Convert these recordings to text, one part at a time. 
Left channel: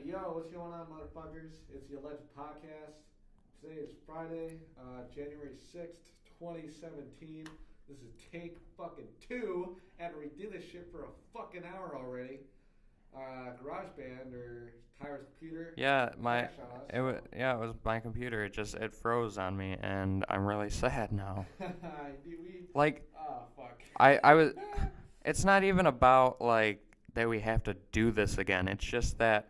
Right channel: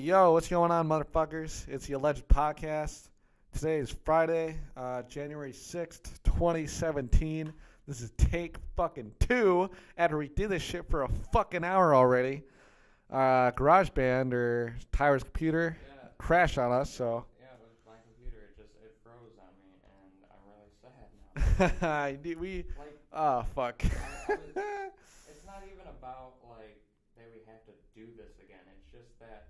Yo, what's going on, motherfuckers? It's the Alleged Podcast. Today is Friday, January 6th, 2017. This is take fucking 2 after we did this shit for a fucking hour already. GarageBand or Tyler's computer crashed on us. It was my computer. It froze on me, and I'm really sad now. Fuck. I was. It's not even about like that we have to do this again. It's just that,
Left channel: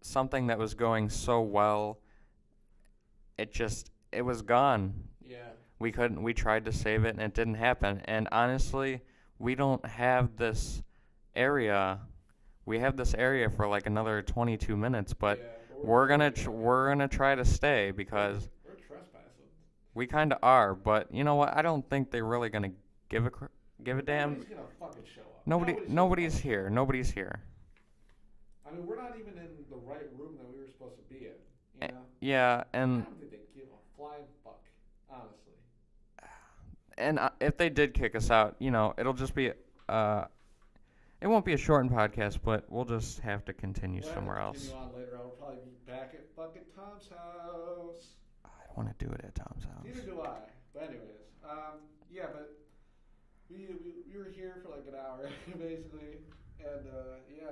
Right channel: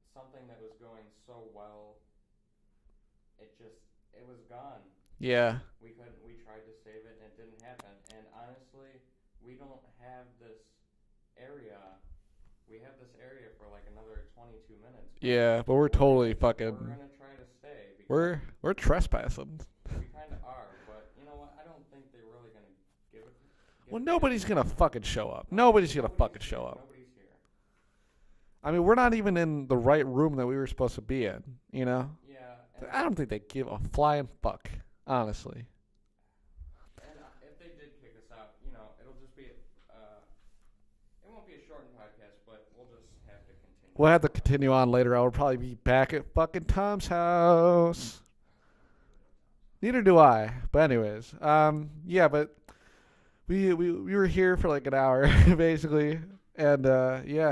something that was going so well, it was gone. Yeah. We tried to save it and it didn't happen. And honestly, we don't have this area. We have this area for like another 22 minutes, but we're gonna try to stay because we're trespassing. We kind of are, but you know what? I don't think they're really gonna give a damn. Nobody's gonna fucking show up. Nobody's here. Nobody's here. I mean, we're not even in the right room that we were supposed to be in, Yeah, and I don't think they give a flying fuck, honestly. And if they did kick us out, it'll just be it won't be a shortened podcast, but we'll just have to continue. We'll have to continue on later. I'll probably be back at fucking Tom's house. I don't want to do it at Tom's house. Neither do I. But anyways, but we were here for like an hour basically, and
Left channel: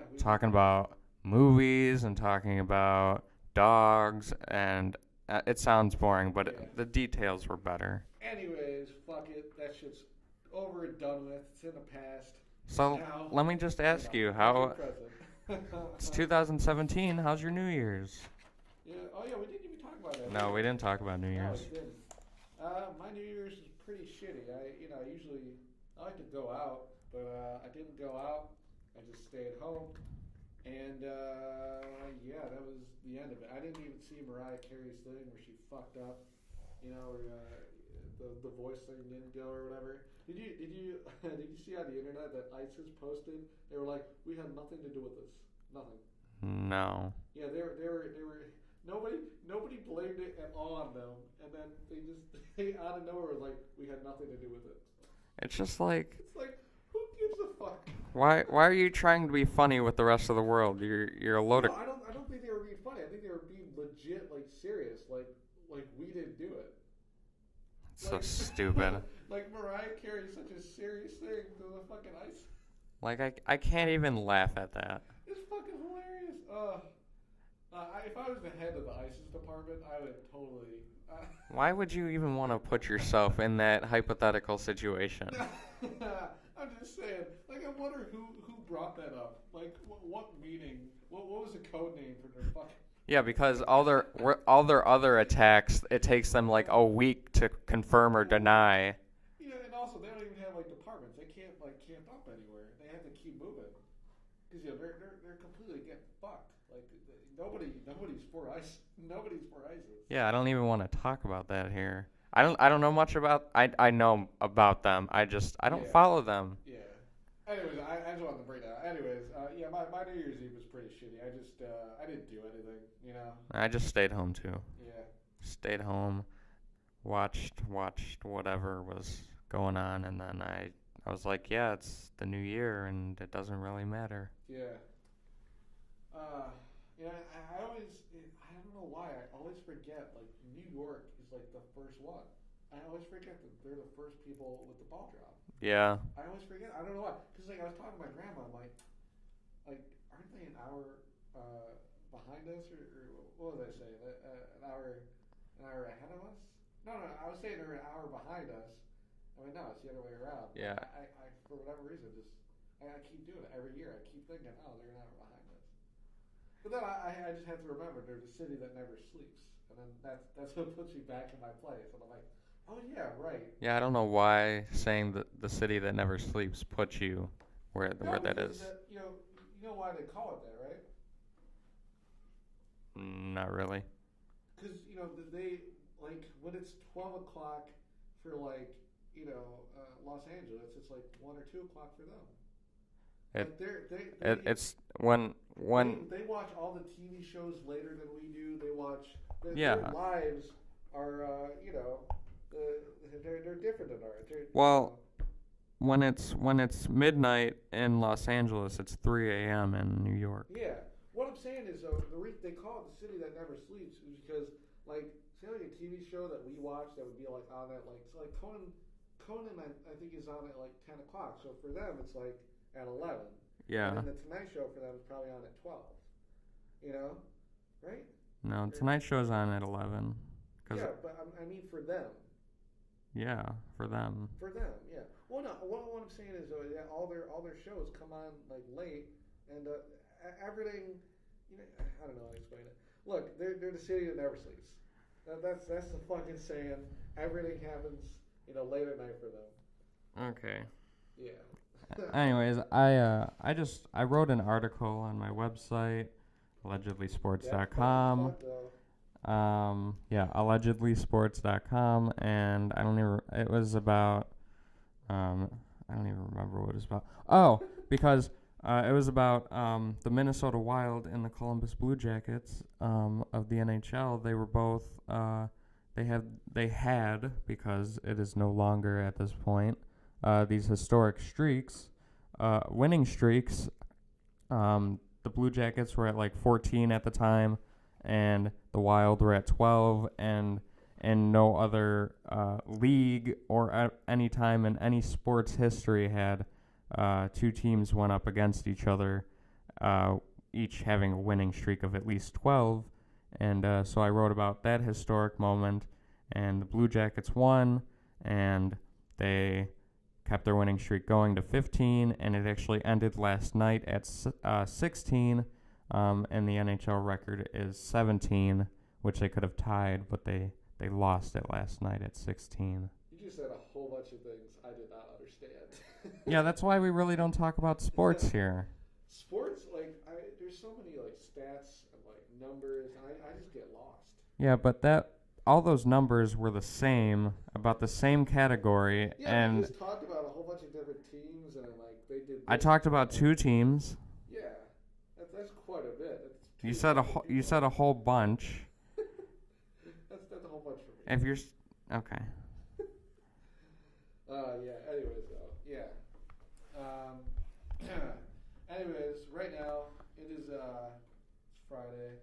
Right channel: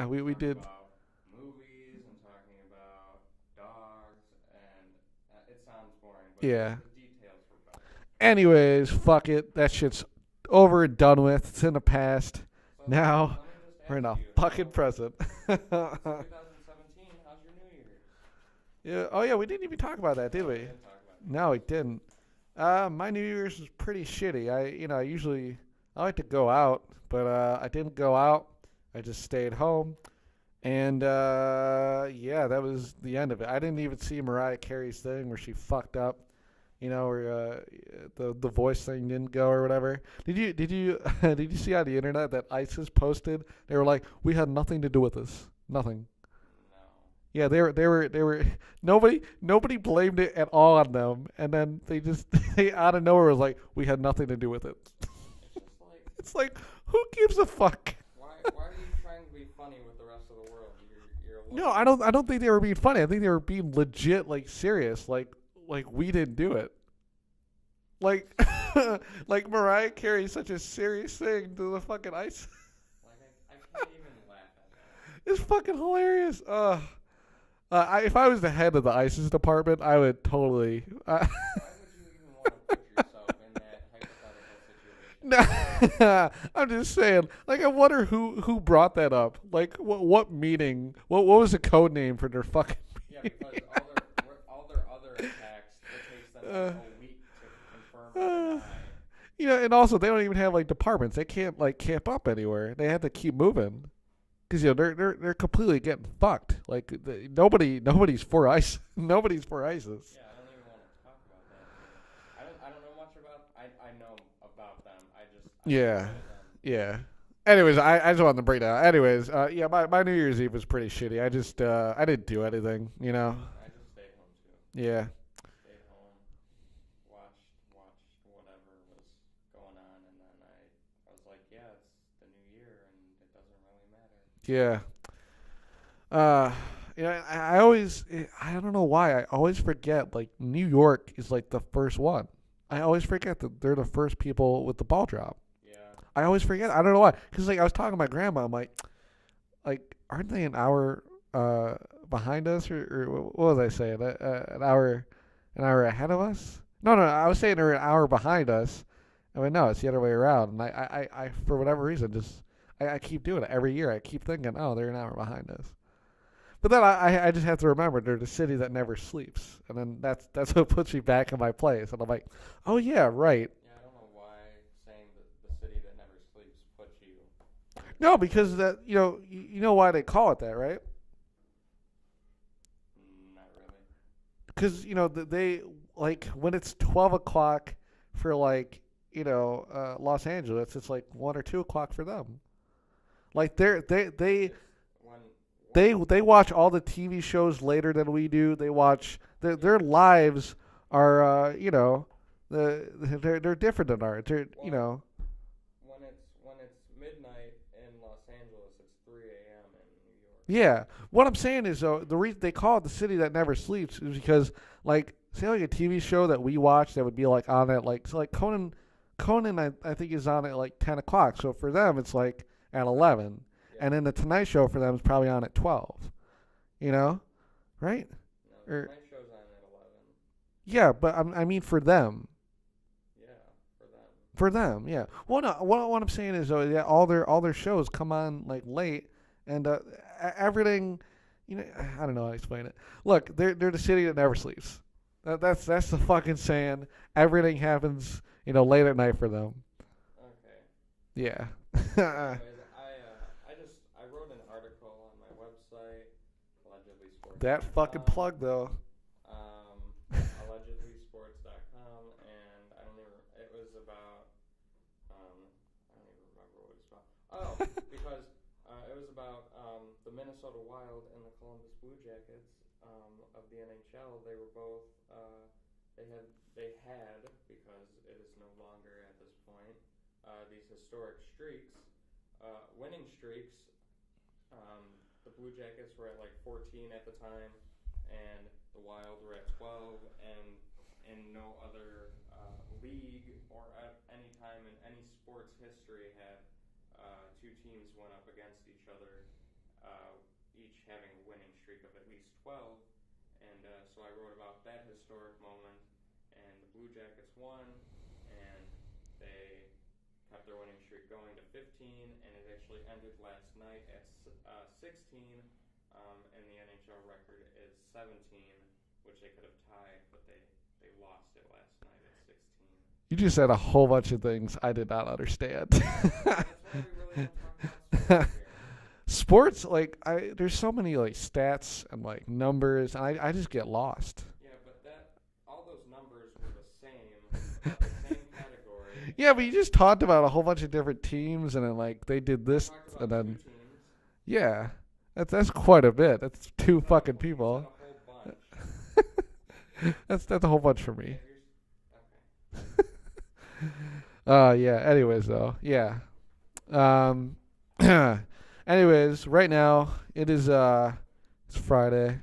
we talking about movies and talking about dogs, and it sounds boring, but the details were better. Anyways, fuck it. That shit's over and done with. It's in the past. So now let me just ask you, fucking present. It's 2017. How's your New Year's? Yeah. Oh yeah, we didn't even talk about that, did we? No, we didn't talk about New Year's. No, we didn't. My New Year's was pretty shitty. I like to go out, but I didn't go out. I just stayed home. And, that was the end of it. I didn't even see Mariah Carey's thing where she fucked up, where the voice thing didn't go or whatever. Did you did you see on the internet that ISIS posted? They were like, we had nothing to do with this. Nothing. No. Yeah, they were nobody blamed it at all on them, and then they out of nowhere was like, we had nothing to do with it. It's just like who gives a fuck? Why are you trying to be funny with the rest of the world? You're a load No, I don't think they were being funny. I think they were being legit, like serious, like we didn't do it. Like so stupid. Like Mariah Carey's such a serious thing to the fucking ISIS. Like I can't even laugh at that. It's fucking hilarious. If I was the head of the ISIS department, I would totally. Why would you even want to put yourself in that hypothetical situation? I'm just saying. Like, I wonder who brought that up. Like, what meeting? What was the code name for their fucking? Yeah, because all their other attacks, it takes them like a week to confirm or deny. And also they don't even have like departments. They can't like camp up anywhere. They have to keep moving. Because they're completely getting fucked. Like nobody's for ISIS. Nobody's for ISIS. Yeah, I don't even want to talk about that here. I don't know much about. I know about them. I don't follow them. Yeah. Anyways, I just wanted to break down. Anyways, my New Year's Eve was pretty shitty. I didn't do anything. I just stayed home too. Yeah. Stayed home, watched whatever was going on, and then I was like, yeah, it's the new year, and it doesn't really matter. Yeah. I don't know why, I always forget, like, New York is, like, the first one. I always forget that they're the first people with the ball drop. Yeah. I always forget. I don't know why. Because, like, I was talking to my grandma. I'm like, aren't they an hour behind us? Or what was I saying? An hour ahead of us? No, I was saying they're an hour behind us. I mean, no, it's the other way around. And I for whatever reason, I keep doing it every year. I keep thinking, oh, they're an hour behind us. But then I just have to remember they're the city that never sleeps, and then that's what puts me back in my place. And I'm like, oh yeah, right. Yeah, I don't know why saying the city that never sleeps puts you where. No, because that you know why they call it that, right? Not really. Because they like when it's 12 o'clock for like. Los Angeles, it's like 1 or 2 o'clock for them. Like it's when they watch all the TV shows later than we do. They watch their lives are they're different than ours. When it's midnight in Los Angeles, it's 3 a.m. in New York. York. Yeah. What I'm saying is, though, the reason they call it the city that never sleeps is because, like, say, like a TV show that we watch that would be like on at like, so like Conan, I think is on at like 10 o'clock. So for them, it's like at 11, Yeah. and then the Tonight Show for them is probably on at 12. You know, right? No, Or- Tonight Show's on at 11. Yeah, but I mean for them. Yeah, for them. For them, yeah. Well, no, what I'm saying is, though, yeah, all their shows come on like late, and everything, you know, I don't know how to explain it. Look, they're the city that never sleeps. That's the fucking saying. Everything happens, you know, late at night for them. Okay. Yeah. Anyways, I wrote an article on my website, allegedlysports.com. That fucking plug though. Yeah, allegedlysports.com, and it was about, I don't even remember what it was about. Oh, because it was about the Minnesota Wild and the Columbus Blue Jackets of the NHL. They were both, they had, because it is no longer at this point, these historic streaks, winning streaks. The Blue Jackets were at like 14 at the time, and the Wild were at 12, and no other league or any time in any sports history had two teams went up against each other, each having a winning streak of at least 12. And so I wrote about that historic moment, and the Blue Jackets won, and they kept their winning streak going to 15, and it actually ended last night at 16. And the NHL record is 17, which they could have tied, but they lost it last night at 16. You just said a whole bunch of things I did not understand. Yeah, that's why we really don't talk about sports here. Sports, like, there's so many like stats and like numbers, and I just get lost. Yeah, but all those numbers were the same, about the same category. Yeah, but you just talked about a whole bunch of different teams, and then like they did this. I talked about two teams. Yeah, that's quite a bit. That's two fucking people. You said a whole bunch. That's a whole bunch for me. If you're okay. Yeah. Anyways, though, yeah. Anyways, right now it is it's Friday,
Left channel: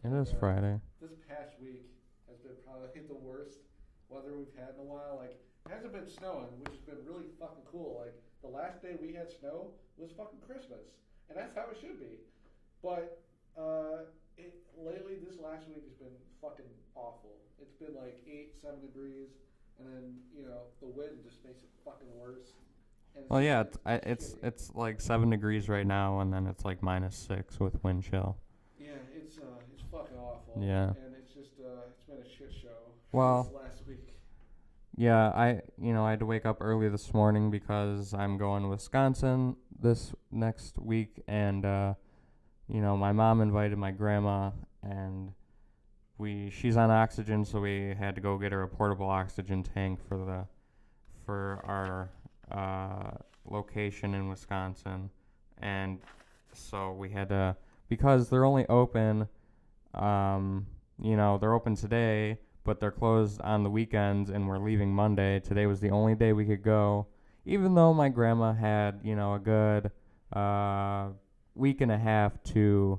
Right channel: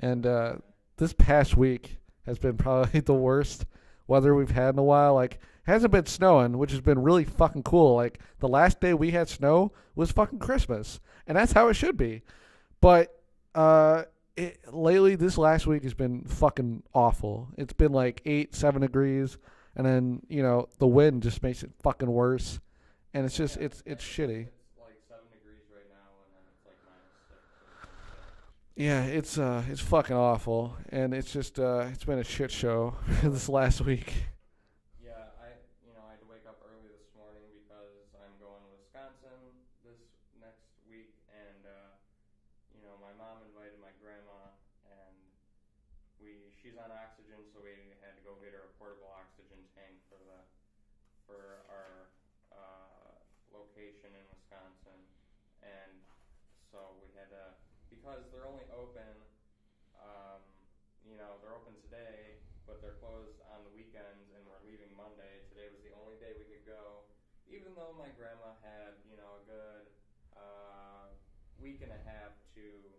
and Friday. this past week has been probably the worst weather we've had in a while. Like, hasn't been snowing, which has been really fucking cool. Like, the last day we had snow was fucking Christmas, and that's how it should be. But lately, this last week has been fucking awful. It's been like 7 degrees, and then, you know, the wind just makes it fucking worse. And it's it's shitty. It's like 7 degrees right now, and then it's like -6 with wind chill. Yeah, it's fucking awful. Yeah. And it's just it's been a shit show Well, this last week. Yeah, I had to wake up early this morning because I'm going to Wisconsin this next week, and my mom invited my grandma, and she's on oxygen, so we had to go get her a portable oxygen tank for our location in Wisconsin. And so we had to, because they're only open, they're open today, but they're closed on the weekends, and we're leaving Monday. Today was the only day we could go, even though my grandma had, a good week and a half to,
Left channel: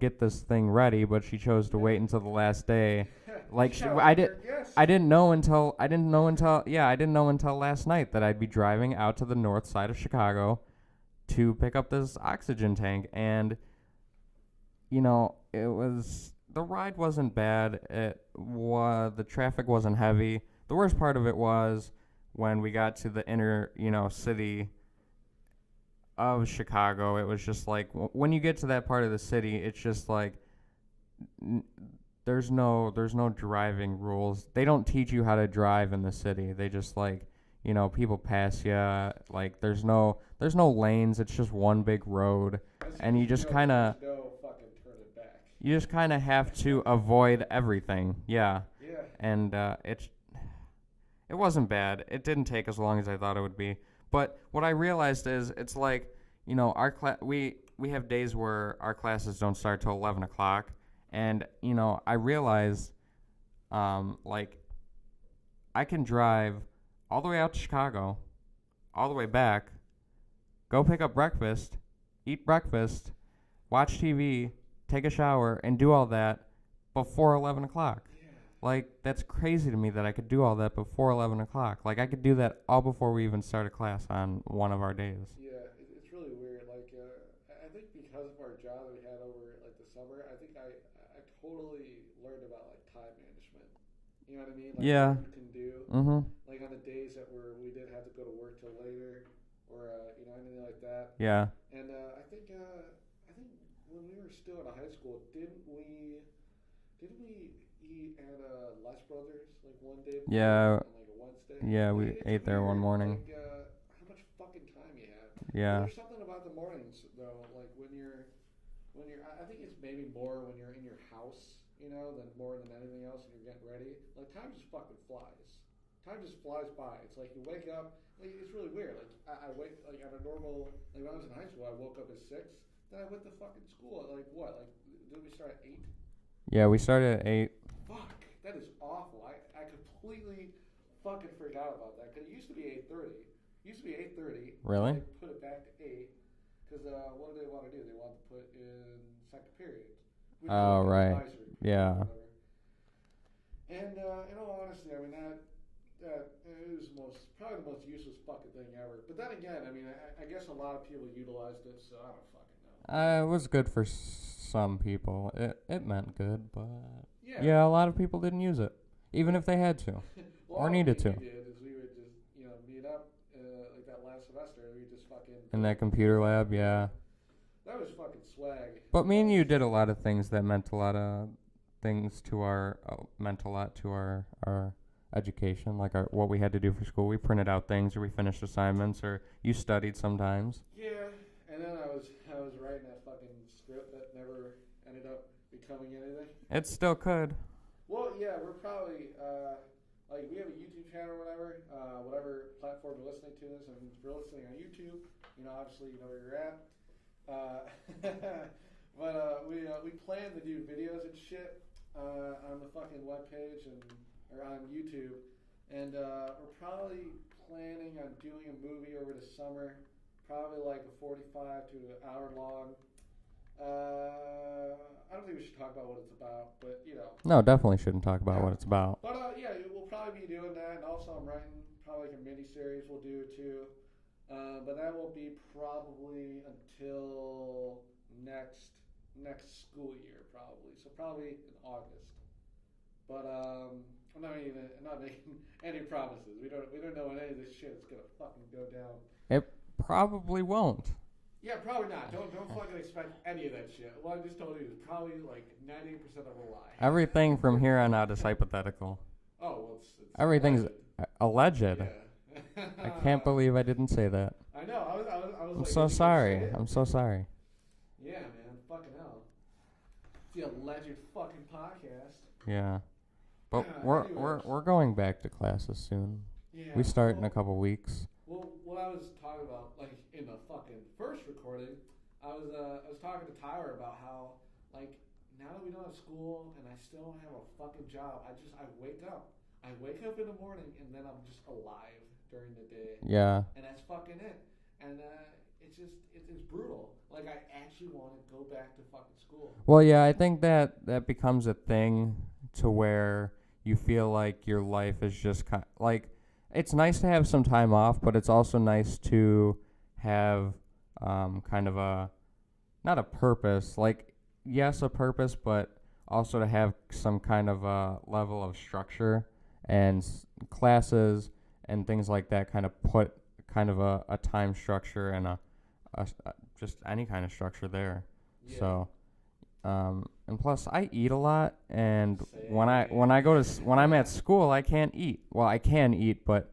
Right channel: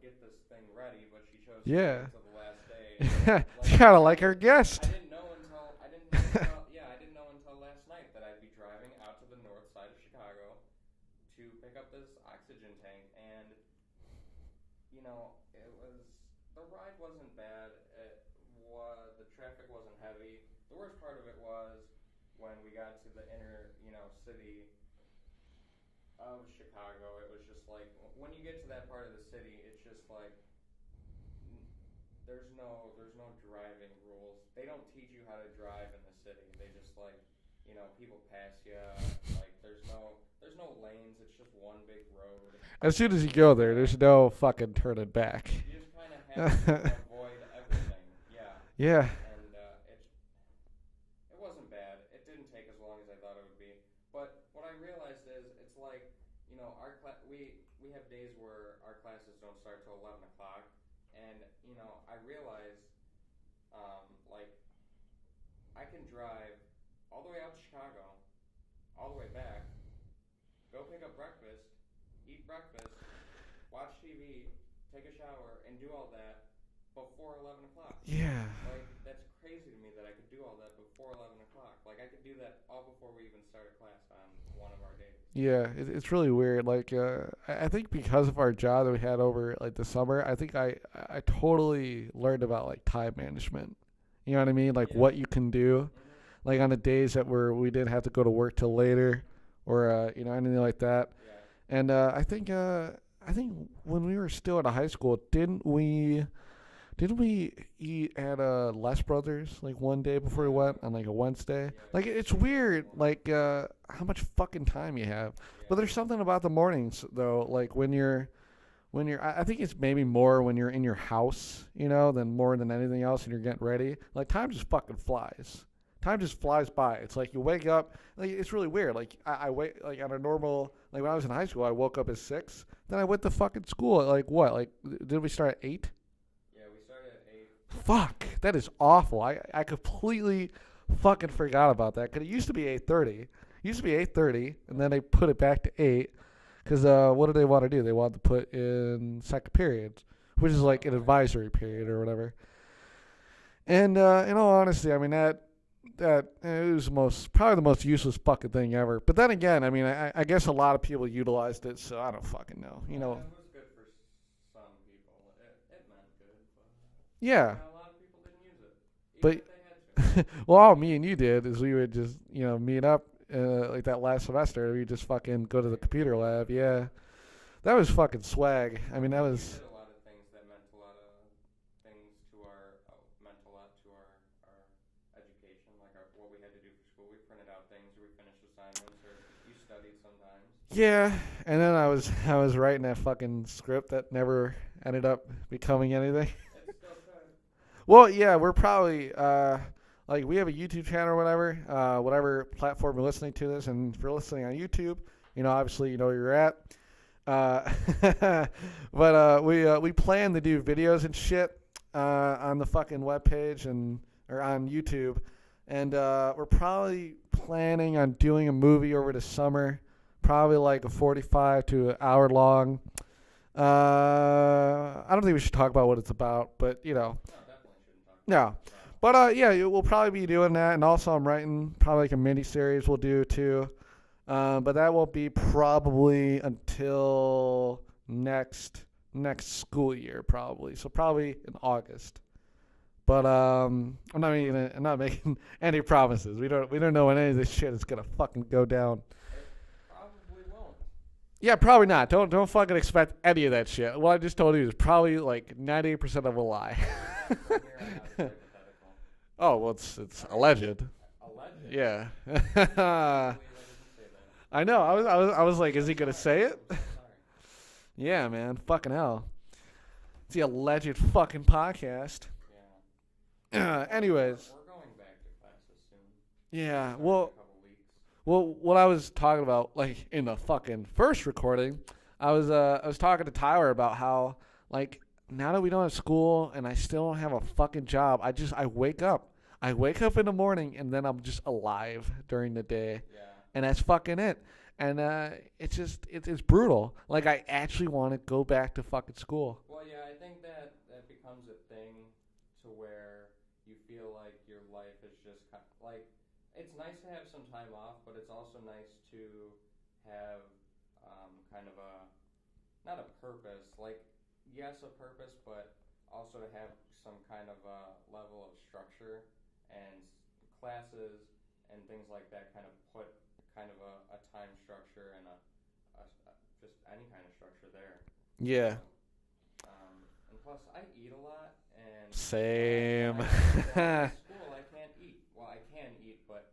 get this thing ready, but she chose to wait until the last day. Like, kind of like her guest. I didn't know until last night that I'd be driving out to the north side of Chicago to pick up this oxygen tank, and the ride wasn't bad. The traffic wasn't heavy. The worst part of it was when we got to the inner, city of Chicago. It was just like, when you get to that part of the city, it's just like there's no driving rules. They don't teach you how to drive in the city. They just people pass you. Like, there's no lanes. It's just one big road. As soon as you go there, there's no fucking turning back. You just kind of have to avoid everything. Yeah. Yeah. And it wasn't bad. It didn't take as long as I thought it would be. But what I realized is, it's like, our we have days where our classes don't start till 11 o'clock. And, I realized, I can drive all the way out to Chicago, all the way back, go pick up breakfast, eat breakfast, watch TV, take a shower, and do all that before 11 o'clock. Yeah. Like, that's crazy to me that I could do all that before 11 o'clock. Like, I could do that all before we even start a class on one of our days. Yeah, it's really weird. Like, I think because of our job that we had over like the summer, I think I totally learned about like time management. You know what I mean? Like Yeah. what you can do. Mm-hmm. Like on the days that we didn't have to go to work till later, or you know, anything like that. Yeah. And I think when we were still at a high school, didn't we eat at Les Brothers like one day before we Yeah. went on like a Wednesday? Yeah, Like we it's ate there one weird, morning. like how much fucking time you have. Yeah. But there's something about the mornings though, like when you're I think it's maybe more when you're in your house, you know, than more than anything else, and you're getting ready. Like time just fucking flies. Time just flies by. It's like you wake up. Like it's really weird. Like I wake like on a normal, like when I was in high school, I woke up at 6. Then I went to fucking school at like what? Like did we start at 8? Yeah, we started at 8. Fuck, that is awful. I completely fucking forgot about that. Cause it used to be 8:30. It used to be 8:30. And Really? then they put it back to 8. Cause what did they want to do? They wanted to put in second period, which is Oh, like an right. advisory period Yeah. or whatever. And in all honesty, I mean that it was probably the most useless fucking thing ever. But then again, I mean, I guess a lot of people utilized it, so I don't fucking know. You know? It was good for some people. It meant good, but Yeah. a lot of people didn't use it, even But- if they had to. Well, I all needed me and to. you did is we would just meet up like that last semester. We just fucking go In to the that computer lab. yeah. That was fucking swag. But I mean, me that and you was- did a lot of things that meant a lot of things to our meant a lot to our education, like what we had to do for school. We printed out things, or we finished assignments, or you studied sometimes. Yeah, and then I was writing that fucking script that never ended up becoming anything. It still could. Well, yeah, we're probably like we have a YouTube channel or whatever, whatever platform you're listening to this, and if you're listening on YouTube, you know, obviously you know where you're at. But we plan to do videos and shit on the fucking webpage or on YouTube, and we're probably planning on doing a movie over the summer, probably like a 45 to an hour long. I don't think we should talk about what it's about, but you know. No, definitely shouldn't talk about Yeah. what it's about. But yeah, we'll probably be doing that, and also I'm writing probably like a mini series we'll do too. But that won't be probably until next school year, probably. So probably in August. But I'm not making any promises. We don't know when any of this shit is gonna fucking go down. Probably won't. Yeah, probably not. Don't fucking expect any of that shit. What I just told you is probably like 98% of a lie. Everything from here on out is hypothetical. Oh well, it's Everything's alleged. Alleged. Yeah. I can't believe I didn't say that. I know. I was like, I'm so is he gonna say sorry. it? I'm so sorry. Yeah, man. Fucking hell. It's the alleged fucking podcast. Yeah. Anyways. We're going back to classes soon. Yeah. We start in well, a couple weeks. well, what I was talking about, like in the fucking first recording, I was talking to Tyler about how, like, now that we don't have school and I still don't have a fucking job, I wake up. I wake up in the morning and then I'm just alive during the day, Yeah. and that's fucking it. And it's brutal. Like I actually want to go back to fucking school. Well, yeah, I think that becomes a thing to where you feel like your life is just like, it's nice to have some time off, but it's also nice to have kind of not a purpose, like, yes, a purpose, but also to have some kind of a level of structure, and classes and things like that kind of put kind of a time structure and a just any kind of structure there. Yeah. So, and plus I eat a lot, and Same. when I go to when I'm at school, I can't eat. Well, I can eat, but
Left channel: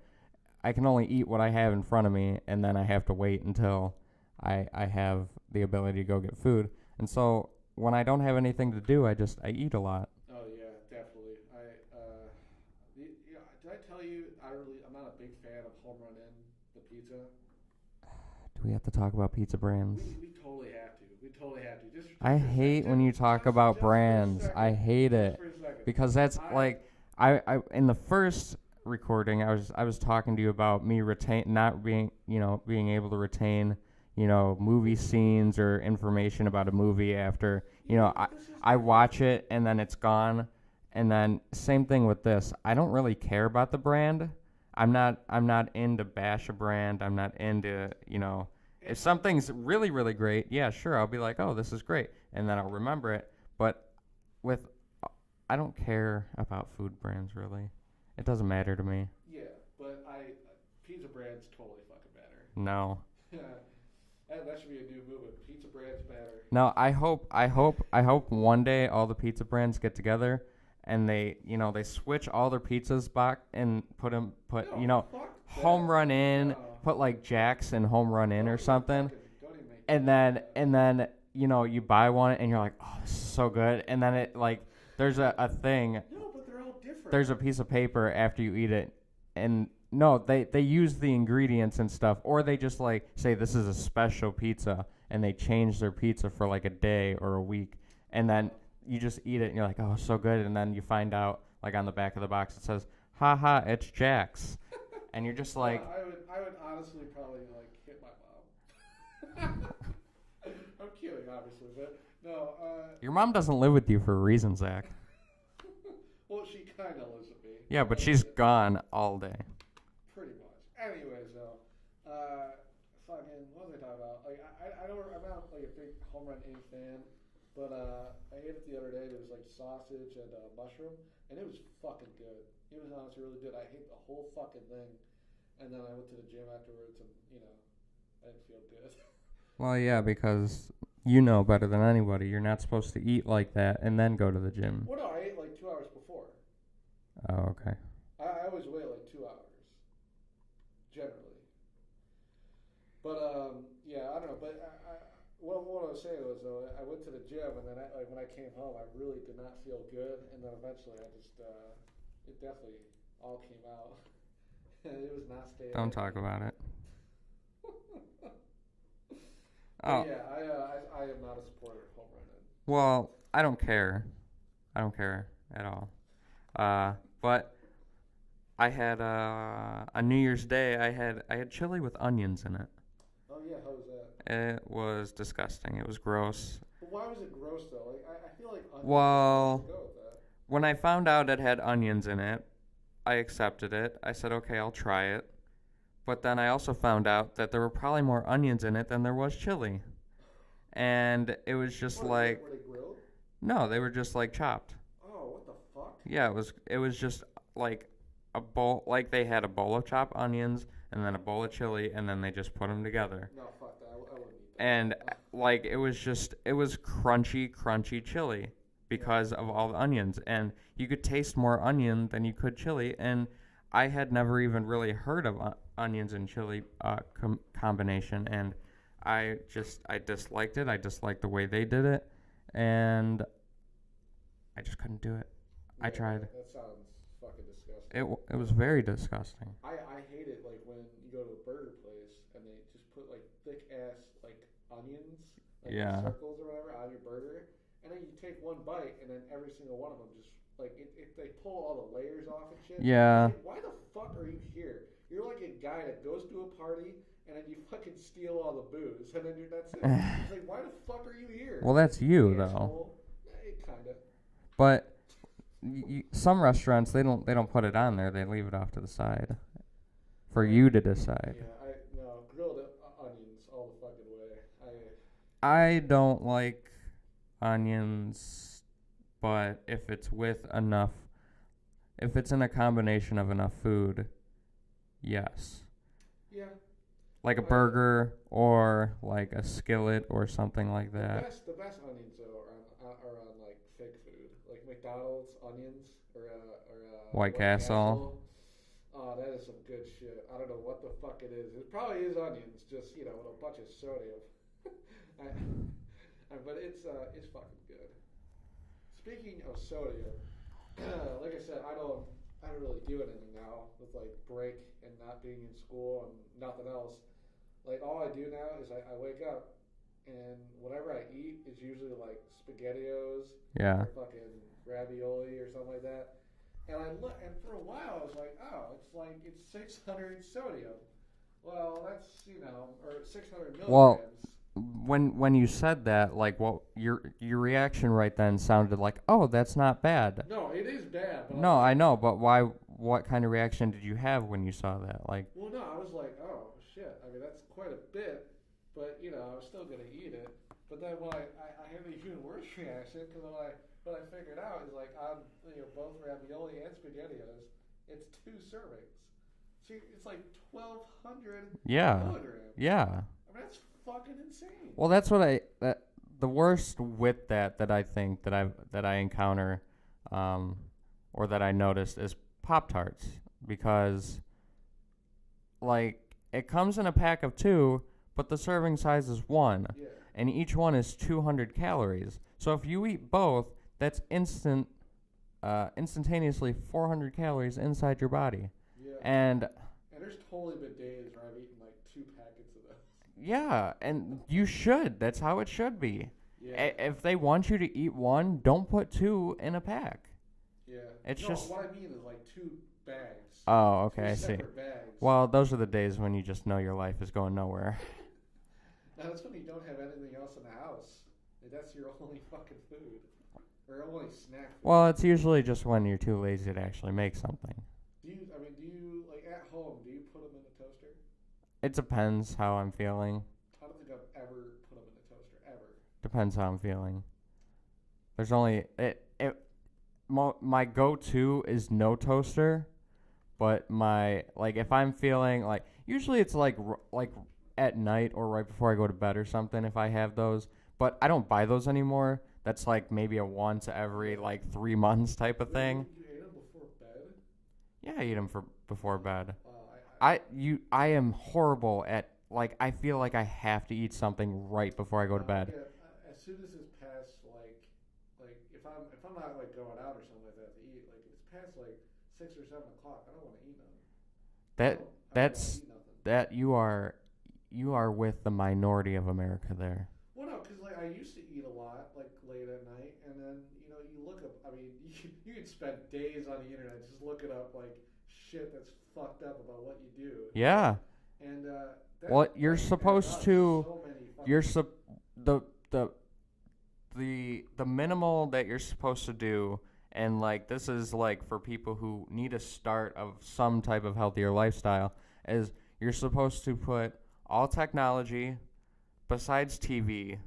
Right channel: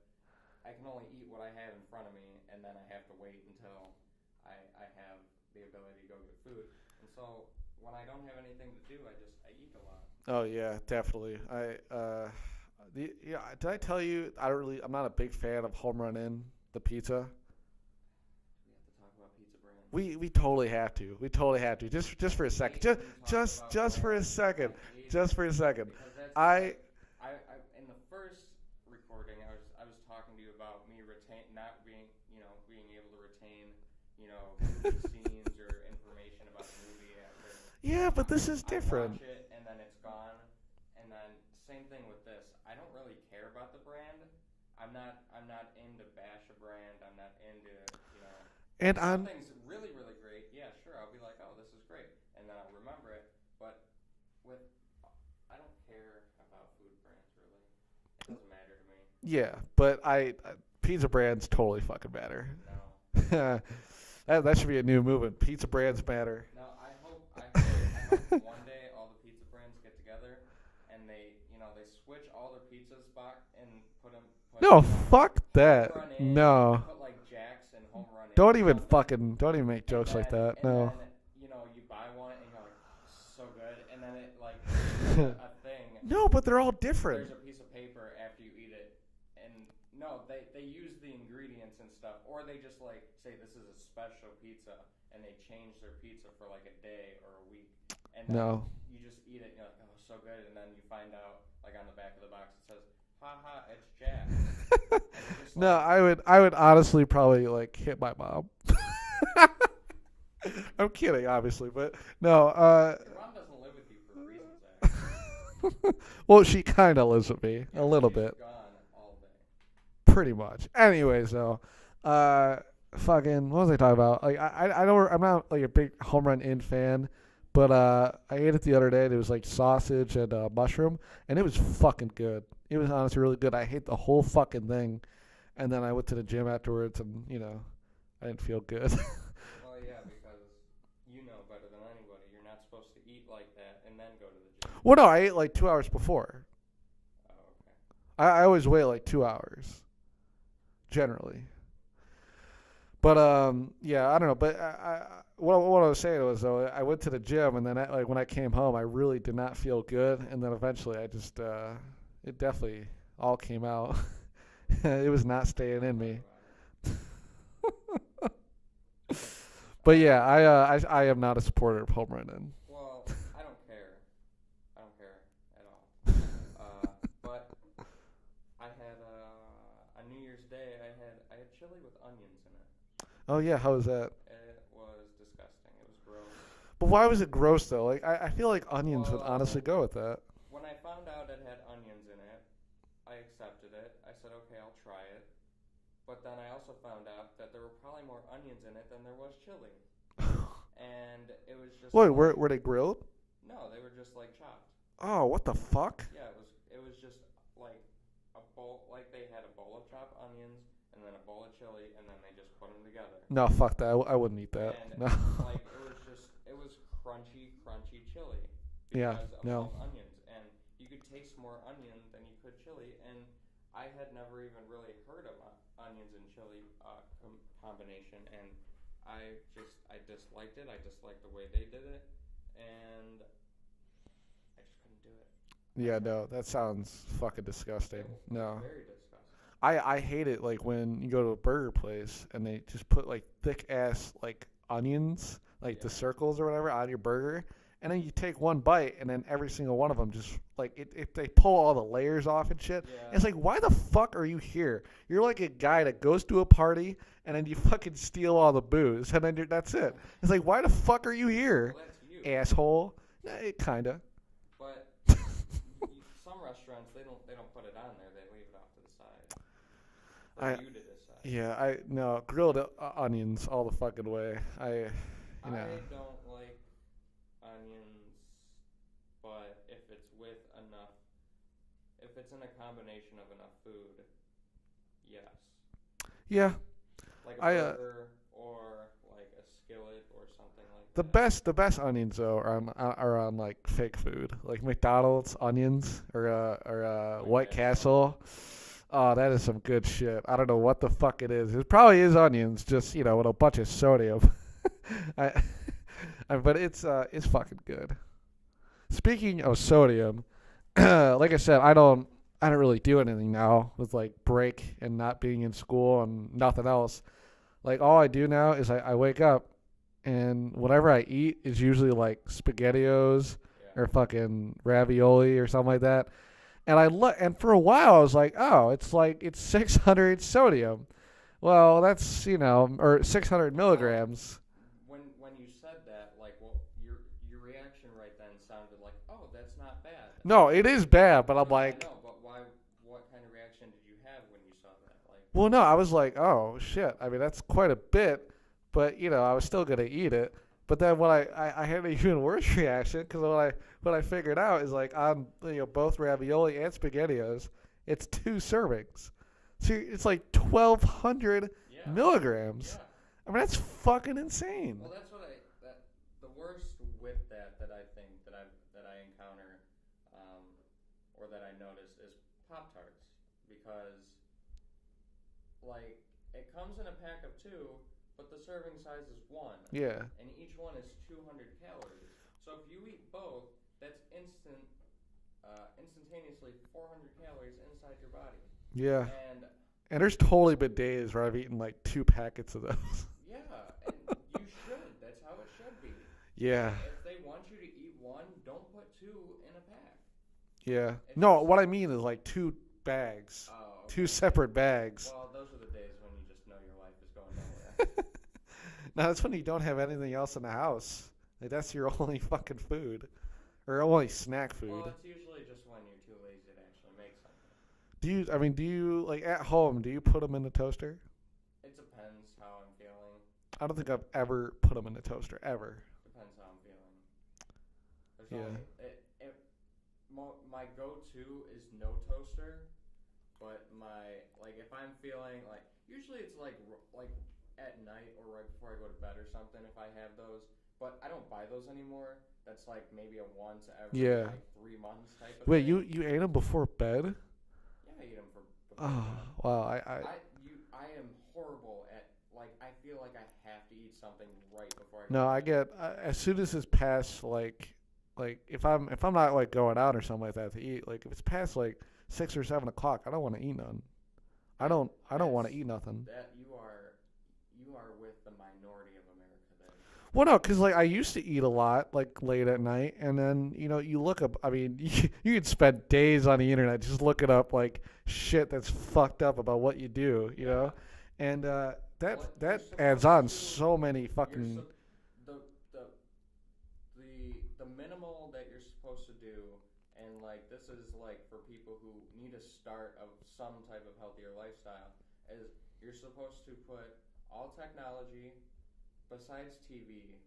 I can only eat what I have in front of me, and then I have to wait until I have the ability to go get food. And so when I don't have anything to do, I eat a lot. Oh yeah, definitely. Did I tell you I'm not a big fan of Home Run Inn, the pizza. Do we have to talk about pizza brands? We totally have to. We totally have to. Just I for a second. hate when you talk about just brands. For a second. I hate just it for a second. because that's I in the first recording I was talking to you about me being able to retain movie scenes or information about a movie after. Yeah, but this is I different. watch it and then it's gone. And then same thing with this. I don't really care about the brand. I'm not into bash a brand. I'm not into, And if something's really, really great, yeah, sure, I'll be like, oh, this is great. And then I'll remember it. But I don't care about food brands, really. It doesn't matter to me. yeah, but pizza brands totally fucking matter. No. That should be a new movement. Pizza brands matter. No, I hope one day all the pizza brands get together and they switch all their pizzas back and put No, fuck that. Home Run In. No. Put like Jacks and Home Run In. Don't or even something. don't even make jokes And then like that. and no. then you buy one and you're like, oh, this is so good. And then it like there's a thing. No, but they're all different. There's a piece of paper after you eat it, and no, they use the ingredients and stuff, or they just like say this is a special pizza, and they change their pizza for like a day or a week, and then you just eat it and you're like, oh, so good, and then you find out like on the back of the box it says, haha, it's Jack's, and you're just like, no, I would honestly probably like hit my mom. I'm kidding, obviously, but no. Your mom doesn't live with you for a reason, Zach. Well, she kind of lives with me. Yeah, a but little she's bit. gone all day. Pretty much. Anyways, though, fucking, what was I talking about? Like, I'm not like a big Home Run In fan, but I ate it the other day. And it was like sausage and mushroom, and it was fucking good. It was honestly really good. I hate the whole fucking thing, and then I went to the gym afterwards, and I didn't feel good. Well, yeah, because you know better than anybody. You're not supposed to eat like that and then go to the gym. Well, no, I ate like 2 hours before. Oh, okay. I always wait like 2 hours, generally. But yeah, I don't know. But what I was saying was though, I went to the gym, and then like when I came home, I really did not feel good, and then eventually I just it definitely all came out. It was not staying Don't in talk me. about it. But yeah, I am not a supporter of Home Run In. Well, I don't care. I don't care at all. But I had a New Year's Day. I had chili with onions in it. Oh yeah, how was that? It was disgusting. It was gross. But why was it gross though? Like I feel like onions would honestly go with that. When I found out it had onions in it, I accepted it. I said, okay, I'll try it. But then I also found out that there were probably more onions in it than there was chili. And it was just Wait, like... were they grilled? No, they were just like chopped. Oh, what the fuck? Yeah, it was just like a bowl, like they had a bowl of chopped onions and then a bowl of chili, and then they just put them together. No, fuck that. I wouldn't eat that. And no. like it was crunchy chili because of all the onions, and you could taste more onion than you could chili, and I had never even really heard of onions and chili combination, and I disliked it. I disliked the way they did it, and I just couldn't do it. Yeah, no, that sounds fucking disgusting. It was very disgusting. I hate it like when you go to a burger place and they just put like thick ass like onions, like the circles or whatever, on your burger, and then you take one bite and then every single one of them just like if they pull all the layers off and shit. Yeah. It's like, why the fuck are you here? You're like a guy that goes to a party and then you fucking steal all the booze and then that's it. It's like, why the fuck are you here? Well, that's you, asshole. Kinda. But some restaurants they don't put it on there. They leave it off to the side for you to decide. Yeah, grilled onions all the fucking way. I don't like onions, but if it's in a combination of enough food, yes. Yeah. Like a burger or like a skillet or something like that. The best onions though are on like fake food, like McDonald's onions or White Castle. Oh, that is some good shit. I don't know what the fuck it is. It probably is onions, just with a bunch of sodium. But it's fucking good. Speaking of sodium, like I said, I don't really do anything now with like break and not being in school and nothing else. Like all I do now is I wake up and whatever I eat is usually like SpaghettiOs or fucking ravioli or something like that. And and for a while I was like, oh, it's 600 sodium. Well, that's or 600 Well, milligrams. when you said that, like, what your reaction right then sounded like, oh, that's not bad. No, it is bad, but I'm No, I like, know, but why? What kind of reaction did you have when you saw that? Like, well, no, I was like, oh shit. I mean, that's quite a bit, but I was still gonna eat it. But then when I had an even worse reaction because what I figured out is like on both ravioli and spaghettios, it's 2 servings. So it's like 1,200 yeah, milligrams. yeah. I mean, that's fucking insane. Well, that's what the worst with that I think that I encounter, or that I noticed is Pop-Tarts, because like it comes in a pack of 2, but the serving size is 1, Yeah. and each one is 200 calories. So if you eat both, that's instantaneously 400 calories inside your body. Yeah. And there's totally been days where I've eaten like 2 packets of those. yeah, and you should. That's how it should be. Yeah. If they want you to eat 1, don't put 2 in a pack. Yeah. It's No, just- what I mean is like 2 bags. Oh, okay. 2 I see. separate bags. Well, those are the days when you just know your life is going nowhere. No, that's when you don't have anything else in the house. Like that's your only fucking food, or only snack food. Well, it's usually just when you're too lazy to actually make something. do you like at home? Do you put them in the toaster? It depends how I'm feeling. I don't think I've ever put them in the toaster ever. Depends how I'm feeling. There's only my go-to is no toaster, but if I'm feeling like, usually it's like at night or right before I go to bed or something if I have those, but I don't buy those anymore. That's like maybe a once every Yeah. 3 months type of Wait, thing. you ate them before bed? Yeah, I eat them before bed. Wow, I am horrible at, I feel like I have to eat something right before I go no, to I bed. get as soon as it's past like if I'm not like going out or something like that to eat, like if it's past like 6 or 7 o'clock, I don't want to eat none. I don't want to eat nothing. That you are with the minority of America there. Well, no, because like I used to eat a lot like late at night, and then you look up. I mean, you could spend days on the internet just looking up like shit that's fucked up about what you do. you know? Yeah. And Well, you're that supposed adds on to- so many fucking. You're the minimal that you're supposed to do, and this is for people who need a start of some type of healthier lifestyle, is you're supposed to put all technology besides TV,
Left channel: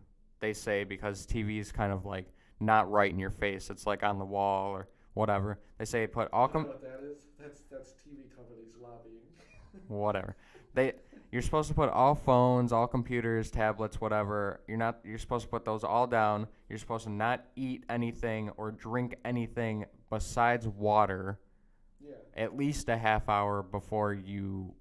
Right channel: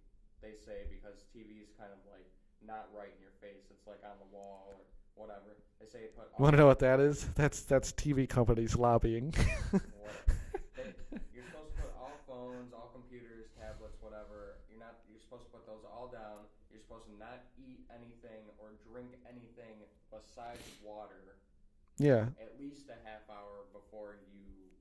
they say, because TV is kind of not right in your face. It's on the wall or whatever. They say put all Want to know what that is? That's TV companies lobbying. whatever. You're supposed to put all phones, all computers, tablets, whatever. You're supposed to put those all down. You're supposed to not eat anything or drink anything besides water Yeah. at least a half hour before you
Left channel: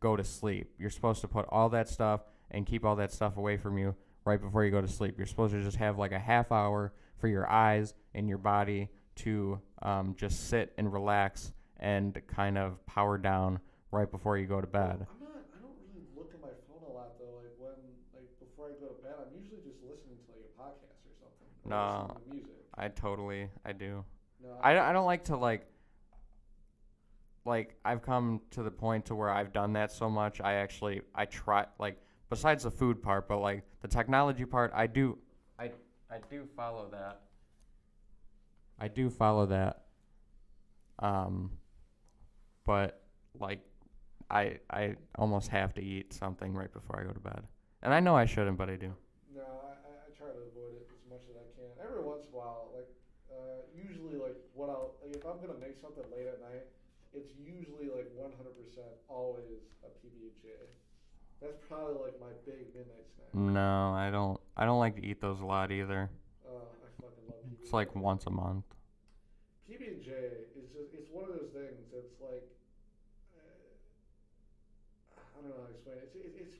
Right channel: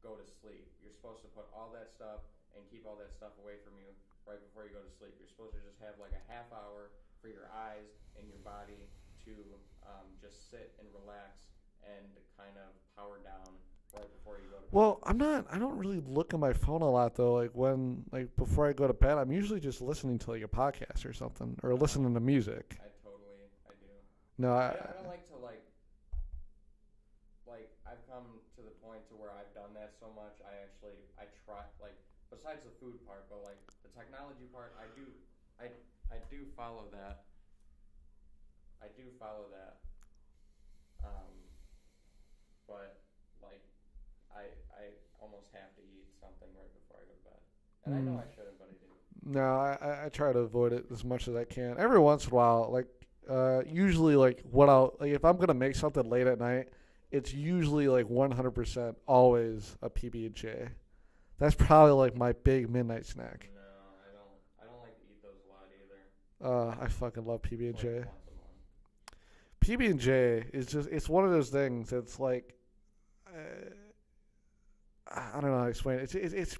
go to sleep. You're supposed to put all that stuff and keep all that stuff away from you right before you go to sleep. You're supposed to just have a half hour for your eyes and your body to just sit and relax and kind of power down right before you go to bed. Well, I don't really look at my phone a lot though. Before I go to bed, I'm usually just listening to a podcast or something, or No. listening to music. I do. No, I don't like to I've come to the point to where I've done that so much. I try, besides the food part, but the technology part, I do follow that. I do follow that. But I almost have to eat something right before I go to bed. And I know I shouldn't, but I do. No, I try to avoid it as much as I can. Every once in a while, usually what I'll if I'm gonna make something late at night, it's usually 100% always a PB&J. That's probably my big midnight snack. No, I don't like to eat those a lot either. I fucking love PB&J. It's once a month. PB&J is just, it's one of those things that's I don't know how to explain it. It's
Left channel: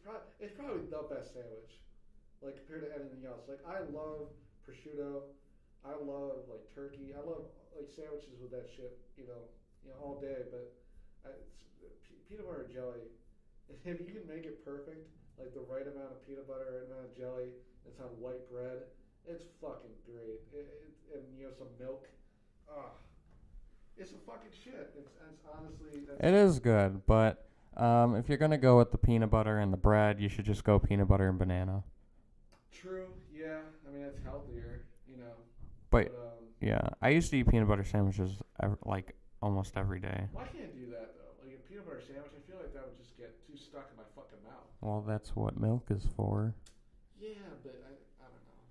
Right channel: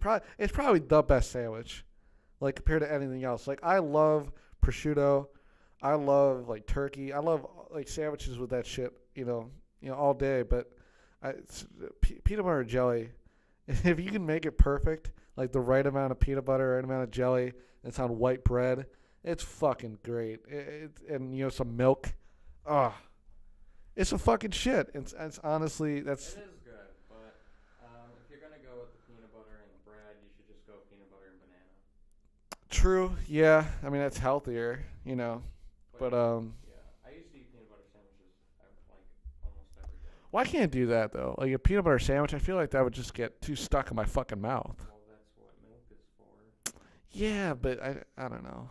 probably the best sandwich, compared to anything else. I love prosciutto, I love turkey, I love sandwiches with that shit, all day. But peanut butter and jelly, if you can make it perfect, the right amount of peanut butter, right amount of jelly, and it's on white bread, it's fucking great. And some milk. It's a fucking shit. It's honestly, It is good, but If you're gonna go with the peanut butter and the bread, you should just go peanut butter and banana. True. Yeah. I mean, that's healthier, you know. But But yeah, I used to eat peanut butter sandwiches like almost every day. why can't I do that though? Like a peanut butter sandwich, I feel like that would just get too stuck in my fucking mouth. Well, that's what milk is for. Yeah, but I don't know.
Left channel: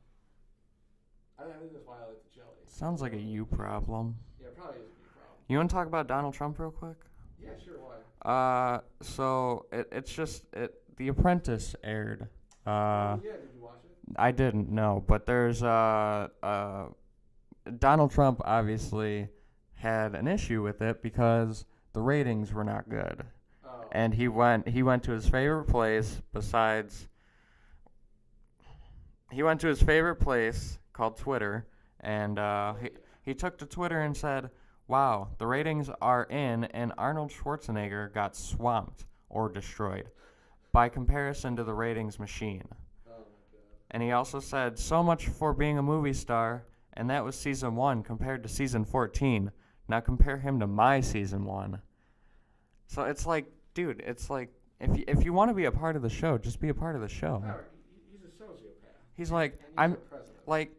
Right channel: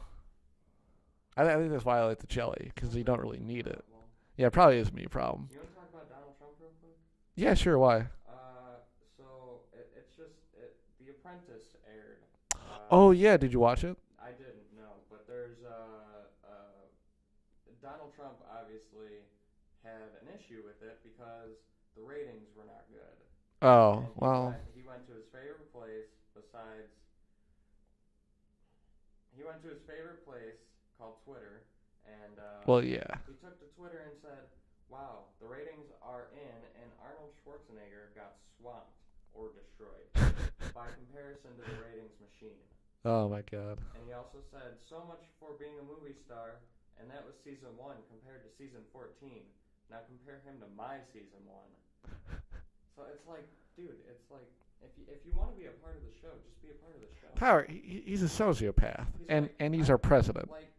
I think that's why I like the jelly, because Sounds you like don't a really you need it. problem. Yeah, it probably is me a problem. You want to talk about Donald Trump real quick? Yeah, sure. Why? So it's just The Apprentice aired. Oh yeah, did you watch it? I didn't know, but there's Donald Trump obviously had an issue with it because the ratings were not good. Oh, And he went to his favorite place called Twitter, and Well, yeah. he took to Twitter and said, "Wow, the ratings are in, and Arnold Schwarzenegger got swamped or destroyed by comparison to the ratings machine." Oh my god. And he also said, "So much for being a movie star, and that was season 1 compared to season 14. Now compare him to my season 1." So it's like, dude, it's like, if you want to be a part of the show, just be a part of the show. Howard, he's a sociopath. He's and, like, and he's I'm- our president. Like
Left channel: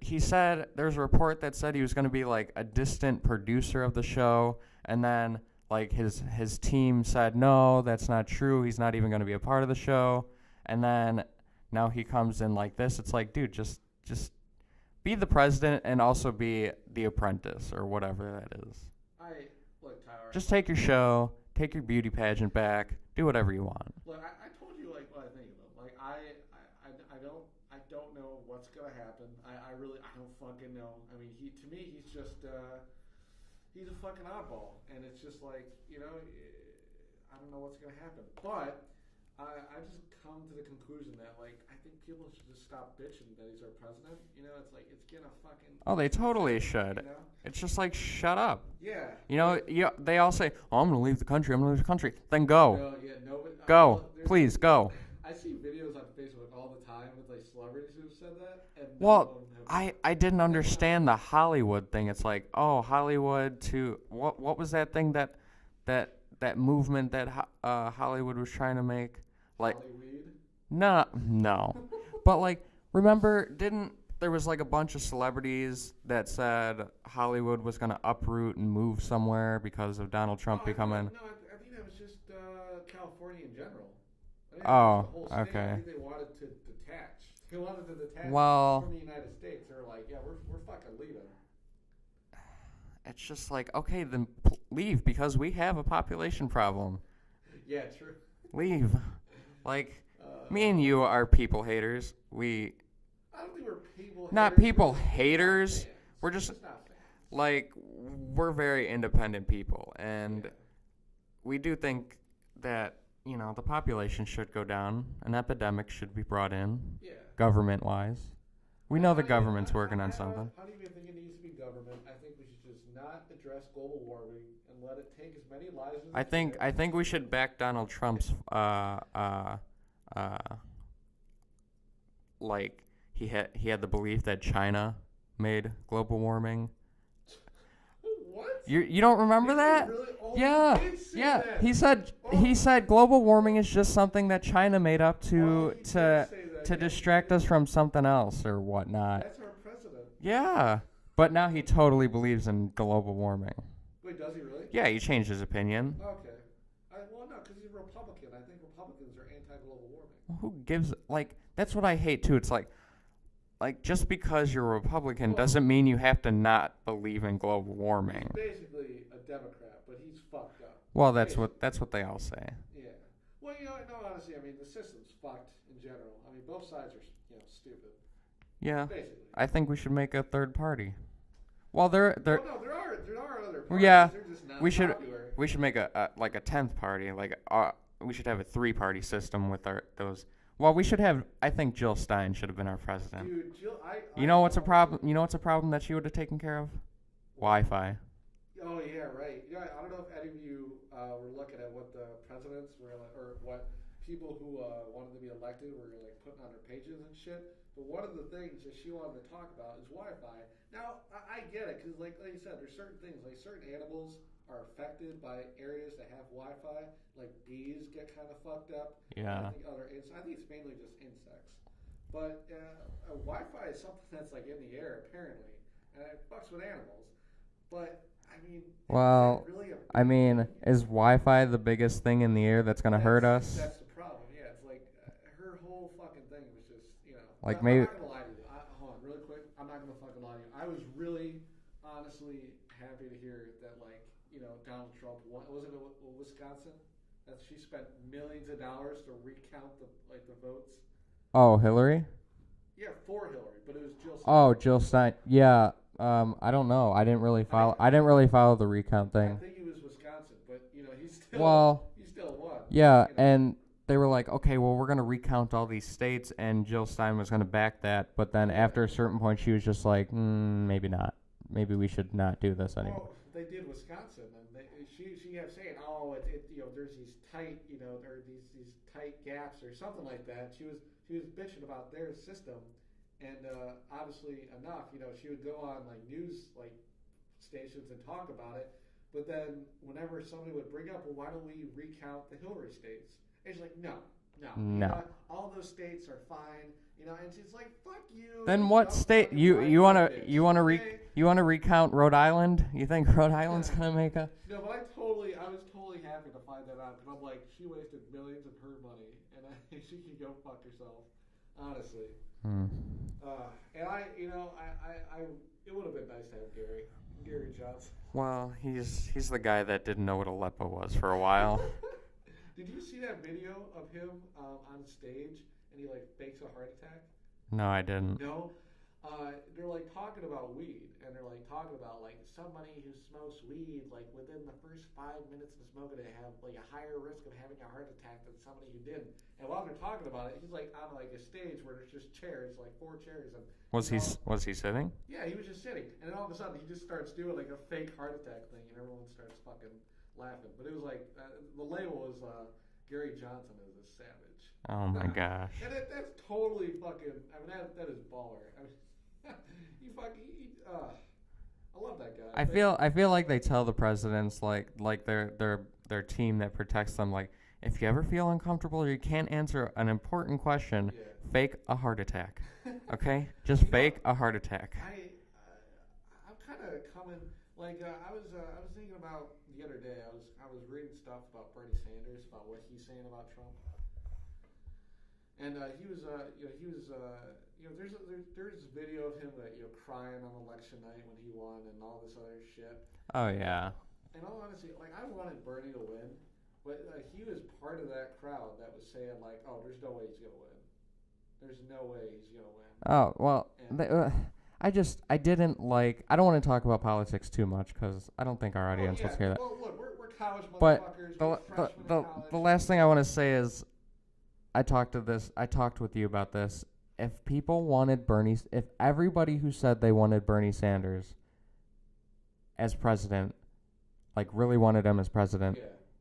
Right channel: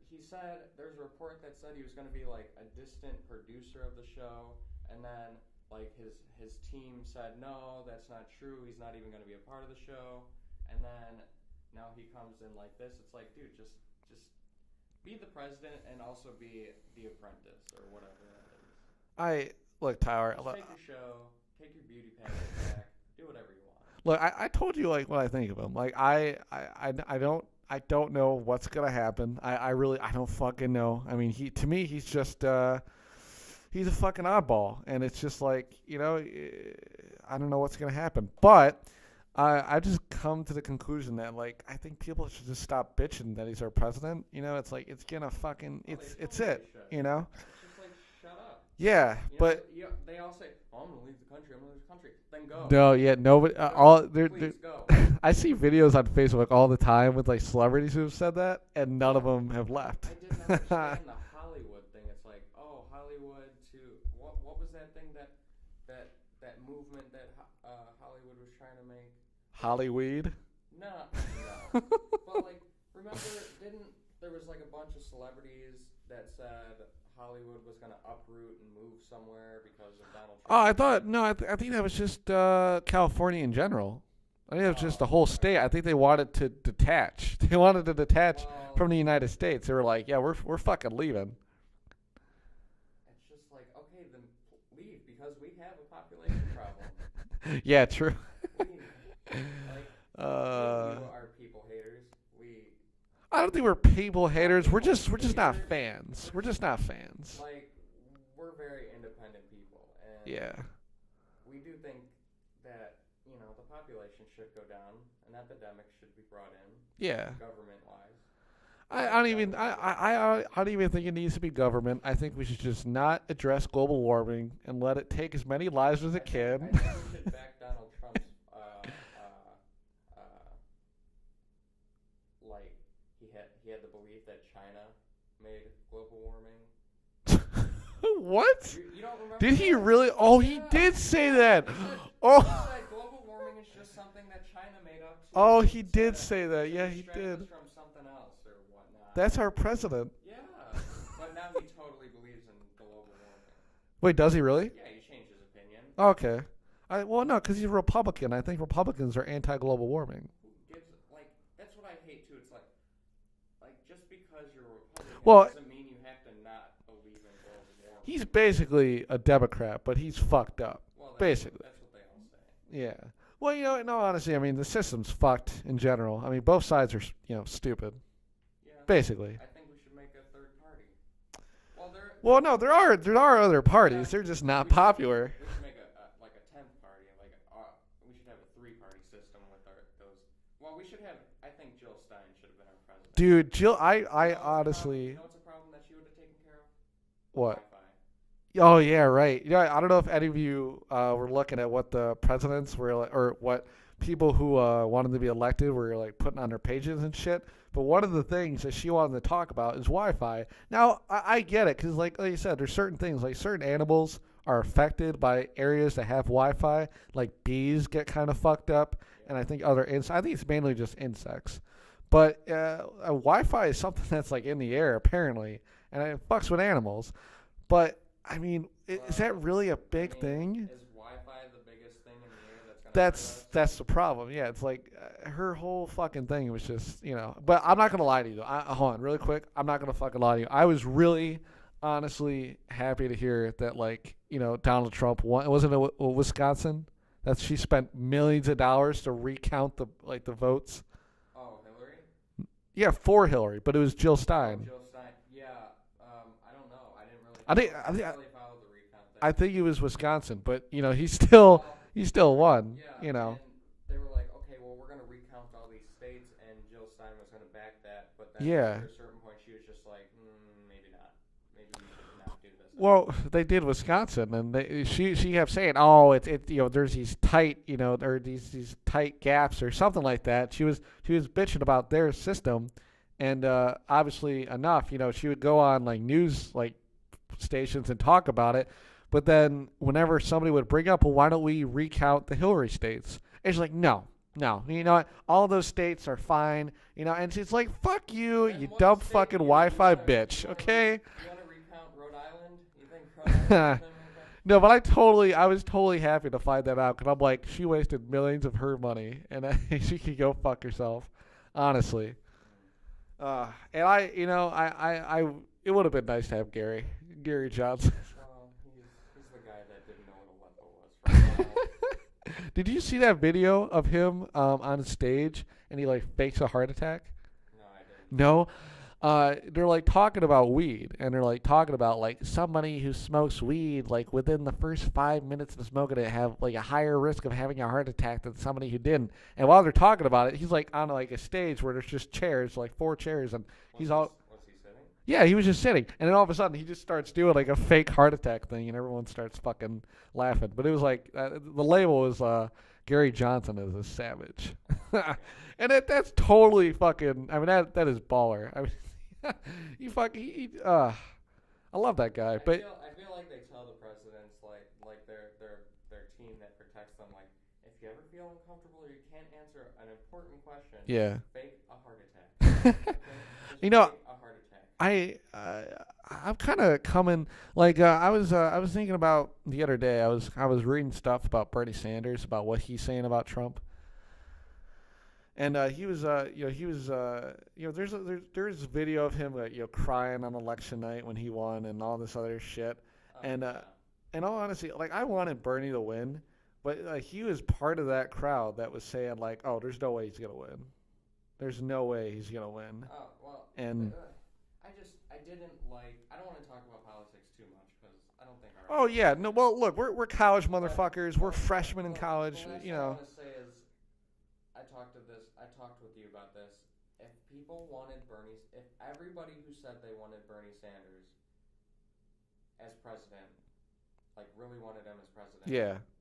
he said, there's a report that said he was going to be like a distant producer of the show, and then like his team said, no, that's not true. He's not even going to be a part of the show. And then now he comes in like this. It's like, dude, just be the president and also be the apprentice or whatever that is. Look, Tyler. Just take your show, take your beauty pageant back, do whatever you want. Look, I told you like what I think of him. Like I don't know what's gonna happen. I really don't fucking know. I mean, to me he's just he's a fucking oddball, and it's just like, you know, I don't know what's gonna happen. But I just come to the conclusion that like I think people should just stop bitching that he's our president. You know, it's like it's gonna fucking. Oh, they it's totally it, should. You know, it's just like shut up. Yeah. You know, they all say, "Oh, I'm gonna leave the country. I'm gonna leave the country." Then go. No, yeah, nobody. Go. Please go. I see videos on Facebook all the time with like celebrities who have said that, and none of them have left. I didn't understand the Hollywood thing. It's like, oh, Hollywood to what was that thing that movement that Hollywood was trying to make? Like, Hollyweed? No. But like, remember, there was like a bunch of celebrities that said Hollywood was gonna uproot and move somewhere because of Donald Trump? Oh, I think that was just California in general. I think it was just the whole state. Okay. I think they wanted to detach. They wanted to detach Well, from the United States. They were like, yeah, we're fucking leaving. it's just like, okay, then leave because we have a population problem. Yeah, true. Leave. Like, me and you are people haters. I don't think we're people haters. people we're just haters. not fans. We're We're just- just not fans. like, we're very independent people, and yeah. we do think that, you know, the population should go down. An epidemic should be brought in, Yeah. government-wise. We I know don't the even- government's working on I something. don't even think it needs to be government. I think we should just not address global warming and let it take as many lives as it can. I think we should back Donald Trump's like he had the belief that China made global warming. What? You don't remember Did that? he really? Oh, Yeah, he did say yeah. that. He said Oh. he said global warming is just something that China made up to Oh, he to, did say that. to Yeah, he distract did. us from something else or whatnot. That's our president. Yeah. But now he totally believes in global warming. Wait, does he really? Yeah, he changed his opinion. Okay. Well, no, because he's a Republican. I think Republicans are anti-global warming. Who gives that's what I hate too. It's like just because you're a Republican Well, doesn't mean you have to not believe in global warming. He's basically a Democrat, but he's fucked up. Well, basically. that's what they all say. Yeah. Well, you know, no, honestly, I mean, the system's fucked in general. I mean, both sides are, stupid. Yeah. Basically. I think we should make a third party. Well, Well, no, there are other parties. Yeah, They're just not we should- popular. we should make a 10th party. We should have a 3-party system with those. Well, we should have. I think Jill Stein should have been our president. Dude, Jill, you know what's honestly, a problem? You know what's a problem that she would have taken care of? what? Wi-Fi. Oh yeah, right. Yeah, I don't know if any of you were looking at what the presidents were like, or what people who wanted to be elected were like putting on their pages and shit. But one of the things that she wanted to talk about is Wi-Fi. Now I get it because like you said, there's certain things like certain animals are affected by areas that have Wi-Fi. Like bees get kind of fucked up, Yeah. and I think other I think it's mainly just insects. But Wi-Fi is something that's like in the air apparently, and it fucks with animals. But I mean, is that really a big thing? Is Wi-Fi the biggest thing in the air that's gonna hurt us? That's the problem. Yeah, it's like her whole fucking thing was just, you know. Like But I'm not gonna lie to you. Hold on, really quick. I'm not gonna fucking lie to you. I was really, honestly happy to hear that, like, you know, Donald Trump won. Wasn't it Wisconsin? That she spent millions of dollars to recount the votes. Oh, Hillary? Yeah, for Hillary, but it was Jill Stein. Oh, Jill Stein. Yeah. I don't know. I didn't really follow the recount thing. I think it was Wisconsin, but you know, he still won. Yeah, you know. And they were like, okay, well, we're gonna recount all these states, and Jill Stein was gonna back that, but then after a certain point, she was just like, maybe not. Maybe we should not do this anymore. Well, they did Wisconsin, and she kept saying, "Oh, it's you know, there's these tight, you know, or these tight gaps or something like that." She was bitching about their system, and obviously enough, you know, she would go on like news like stations and talk about it, but then whenever somebody would bring up, well, why don't we recount the Hillary states? And she's like, no. You know what? All those states are fine. You know, and she's like, "Fuck you, then you what dumb state? fucking Wi-Fi bitch." You want to recount Rhode Island? You think Rhode Island's gonna make a? No, but I was totally happy to find that out because I'm like, she wasted millions of her money, and she could go fuck herself, honestly. And I it would have been nice to have Gary Johnson. Well, he's the guy that didn't know what Aleppo was for a while. Did you see that video of him on stage and he like fakes a heart attack? No, I didn't. No. They're like talking about weed, and they're like talking about like somebody who smokes weed like within the first 5 minutes of smoking it have like a higher risk of having a heart attack than somebody who didn't. And while they're talking about it, he's like on like a stage where there's just chairs, like 4 chairs, and was he sitting? Yeah, he was just sitting, and then all of a sudden he just starts doing like a fake heart attack thing, and everyone starts fucking laughing. But it was like the label was Gary Johnson is a savage. Oh my gosh. And that's totally fucking. I mean that is baller. I mean. I love that guy. I feel like they tell the presidents like their team that protects them, like, if you ever feel uncomfortable or you can't answer an important question, fake a heart attack. Okay, just fake a heart attack. I'm kind of coming like I was thinking about the other day. I was reading stuff about Bernie Sanders, about what he's saying about Trump. And there's a video of him crying on election night when he won and all this other shit. Oh, and, yeah. In all honesty, like, I wanted Bernie to win, but he was part of that crowd that was saying like, "Oh, there's no way he's gonna win. There's no way he's gonna win." Oh well, and I don't want to talk about politics too much because I don't think our audience. Oh yeah, no. Well, look, we're college motherfuckers. We're freshmen in college. The last thing I want to say is, I talked with you about this. If everybody who said they wanted Bernie Sanders as president, like really wanted him as president,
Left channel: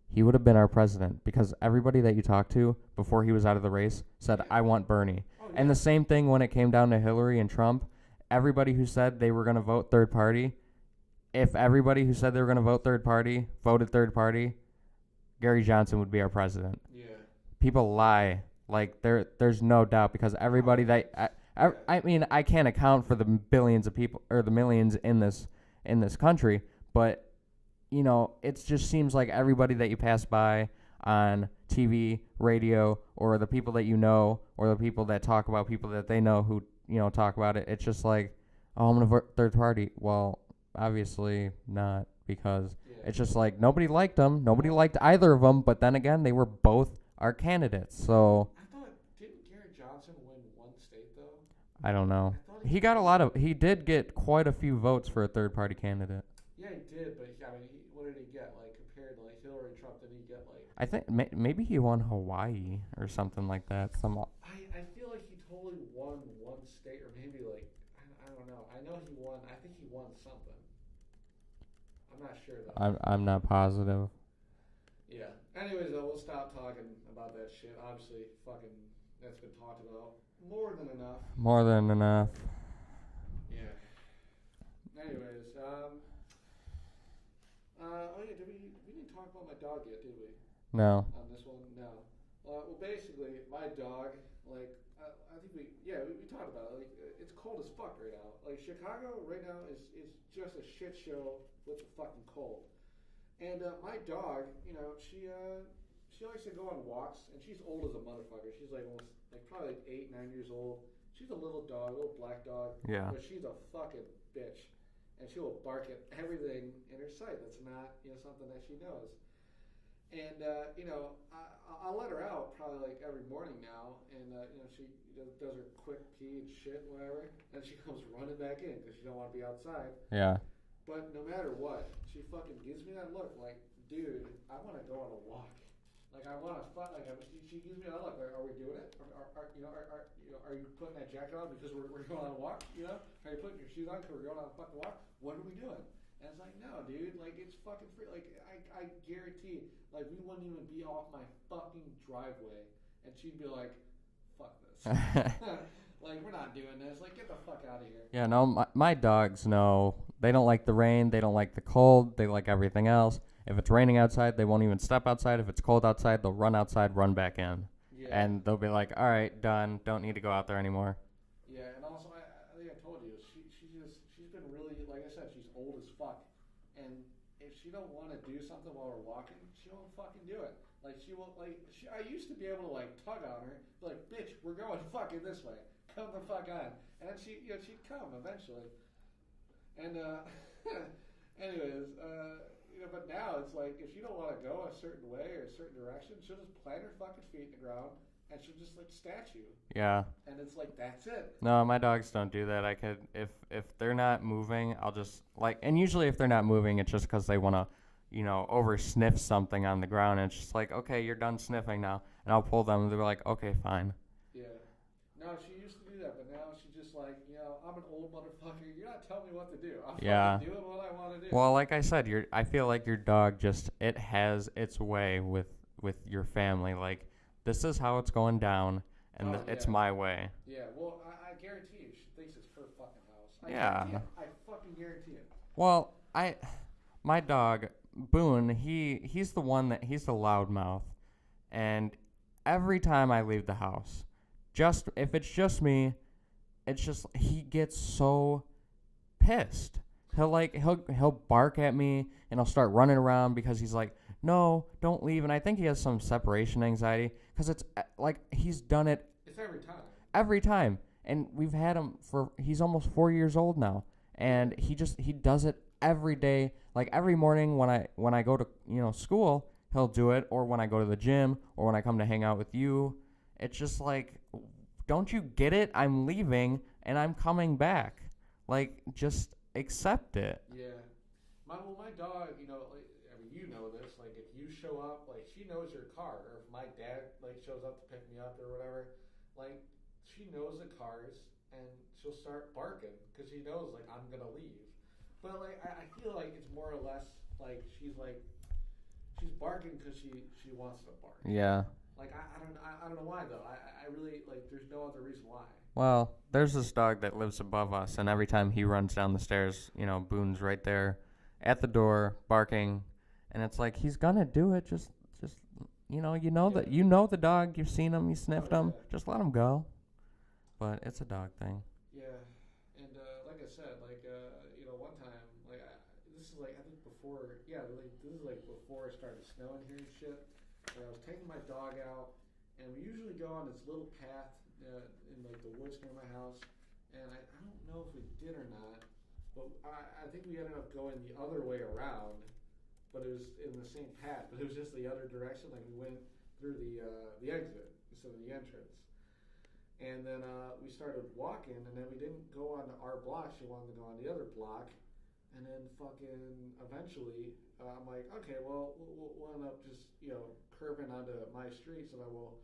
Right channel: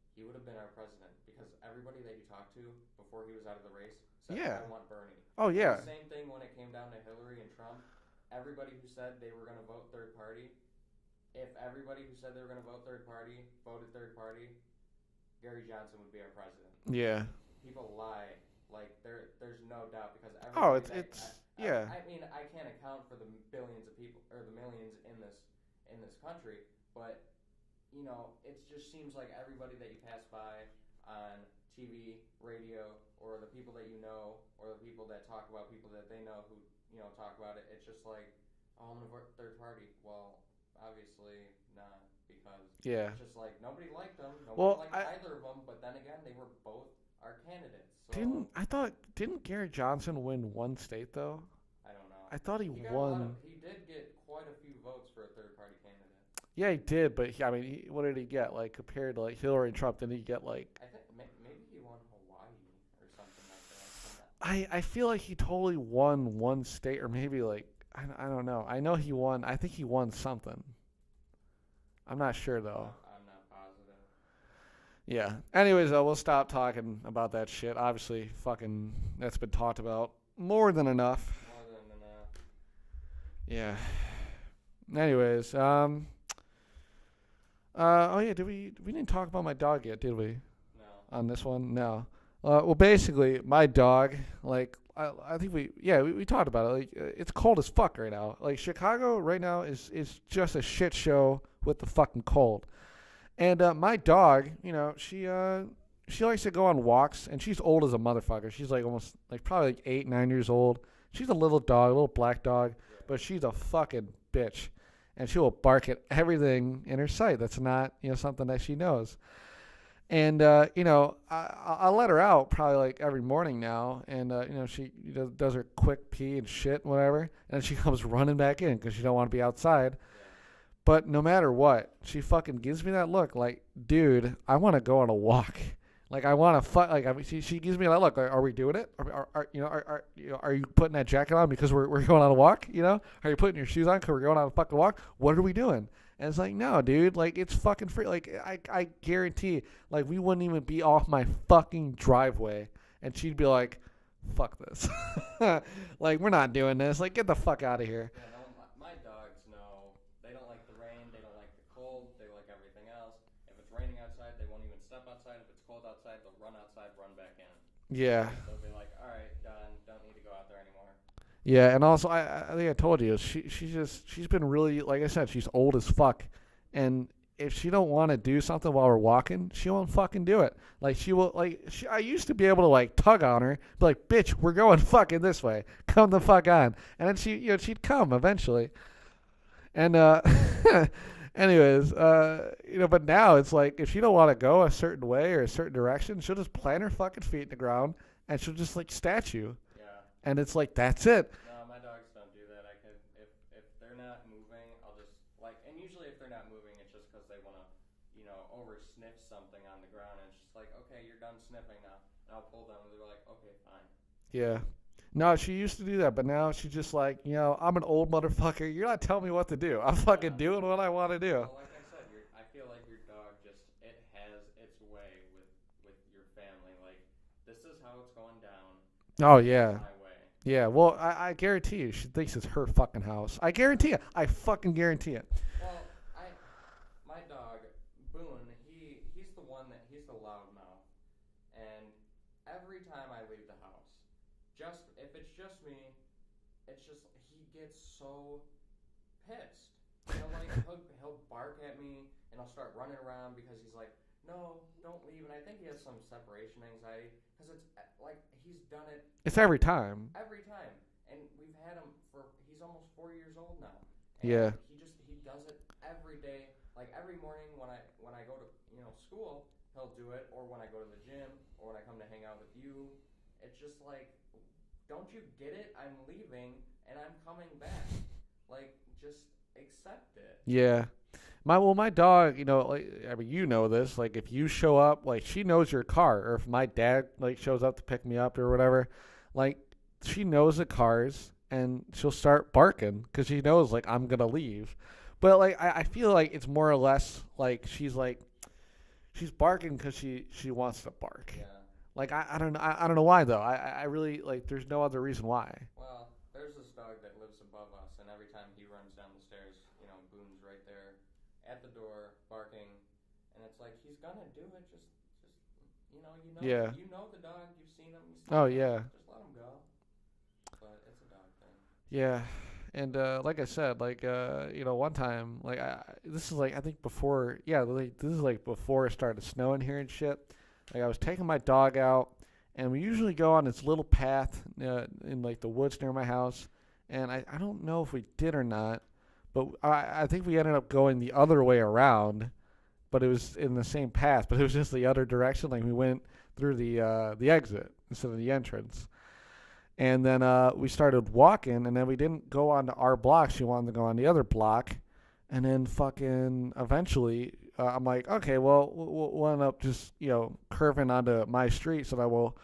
he would have been our president, because everybody that you talked to before he was out of the race said, I want Bernie. Oh yeah. And the same thing when it came down to Hillary and Trump. Everybody who said they were going to vote third party, if everybody who said they were going to vote third party voted third party, Gary Johnson would be our president. Yeah. People lie, like there's no doubt, because everybody I mean, I can't account for the billions of people or the millions in this country, but you know, it just seems like everybody that you pass by on TV, radio, or the people that you know, or the people that talk about people that they know who, you know, talk about it, it's just like, oh, I'm gonna vote third party. Well, obviously not, because it's just like nobody liked them. Nobody liked either of them, but then again, they were both our candidates. So didn't Gary Johnson win one state though? I don't know. I thought he got he did get quite a few votes for a third party candidate. Yeah, he did, but what did he get? Like, compared to like Hillary and Trump, didn't he get like? I think maybe he won Hawaii or something like that. I feel like he totally won one state, or maybe like I don't know. I know he won. I think he won something. I'm not sure though. I'm not positive. Yeah. Anyways, we'll stop talking about that shit. Obviously, fucking that's been talked about more than enough. More than enough. Yeah. Anyways, Oh yeah, we didn't talk about my dog yet, did we? No. On this one, no. Well, basically, my dog, like, I think we talked about it. Like, it's cold as fuck right now. Like, Chicago right now is just a shit show with the fucking cold. And my dog, she likes to go on walks, and she's old as a motherfucker. She's like almost like probably like 8, 9 years old. She's a little dog, a little black dog, Yeah. but she's a fucking bitch, and she will bark at everything in her sight. That's not something that she knows. And I let her out probably like every morning now, and she does her quick pee and shit and whatever, and she comes running back in because she don't want to be outside. Yeah. But no matter what, she fucking gives me that look like, dude, I want to go on a walk. Like I want to like I mean, she gives me that look. Like, are we doing it? Are you putting that jacket on because we're going on a walk? Are you putting your shoes on because we're going on a fucking walk? What are we doing? And it's like, no, dude, like it's fucking free. Like I guarantee, like we wouldn't even be off my fucking driveway, and she'd be like, fuck this. Like we're not doing this. Like get the fuck out of here. Yeah, no, my dogs know. They don't like the rain. They don't like the cold. They like everything else. If it's raining outside, they won't even step outside. If it's cold outside, they'll run outside, run back in. Yeah. And they'll be like, all right, done. Don't need to go out there anymore. Yeah, and also I think I told you she's been really, like I said, she's old as fuck, and if she don't want to do something while we're walking, she won't fucking do it. Like she will I used to be able to like tug on her, be like, bitch, we're going fucking this way, come the fuck on, and then she'd come eventually, and anyways, but now it's like if she don't want to go a certain way or a certain direction, she'll just plant her fucking feet in the ground. And she'll just like statue. Yeah. And it's like that's it. No, my dogs don't do that. I could if they're not moving, I'll just like, and usually if they're not moving, it's just because they want to, over sniff something on the ground. And it's just like, okay, you're done sniffing now, and I'll pull them. And they're like, okay, fine. Yeah. No, she used to do that, but now she's just like, I'm an old motherfucker. You're not telling me what to do. I'm fucking doing what I want to do. Well, like I said, I feel like your dog it has its way with your family, like. This is how it's going down. Oh, yeah. It's my way. Yeah, well, I guarantee you, she thinks it's her fucking house. I guarantee it. I fucking guarantee it. Well, my dog, Boone, he's the one he's the loudmouth. And every time I leave the house, if it's just me, it's just, he gets so pissed. He'll bark at me, and he'll start running around because he's like, no, don't leave. And I think he has some separation anxiety. Because it's like he's done it. It's every time. Every time. And we've had him he's almost 4 years old now. And he does it every day. Like every morning when I go to, school, he'll do it. Or when I go to the gym. Or when I come to hang out with you. It's just like, don't you get it? I'm leaving and I'm coming back. Like, just accept it. Yeah. My dog, this, like if you show up, like she knows your car, or if my dad like shows up to pick me up or whatever, like she knows the cars and she'll start barking because she knows like I'm gonna leave. But like I feel like it's more or less like she's barking because she wants to bark. Yeah. Like I don't know why though. I really like there's no other reason why. Well, there's this dog that lives above us, and every time he runs down the stairs, Boone's right there. At the door, barking, and it's like he's gonna do it. Just that the dog. You've seen him. You sniffed him. Yeah. Just let him go. But it's a dog thing. Yeah, and like I said, one time, this is like I think before. Yeah, this is like before it started snowing here and shit. Like I was taking my dog out, and we usually go on this little path in like the woods near my house, and I don't know if we did or not. But I think we ended up going the other way around, but it was in the same path, but it was just the other direction. Like we went through the exit instead of the entrance. And then we started walking, and then we didn't go onto our block. She wanted to go on the other block. And then fucking eventually, I'm like, okay, well, we'll end up just, curving onto my street so that we'll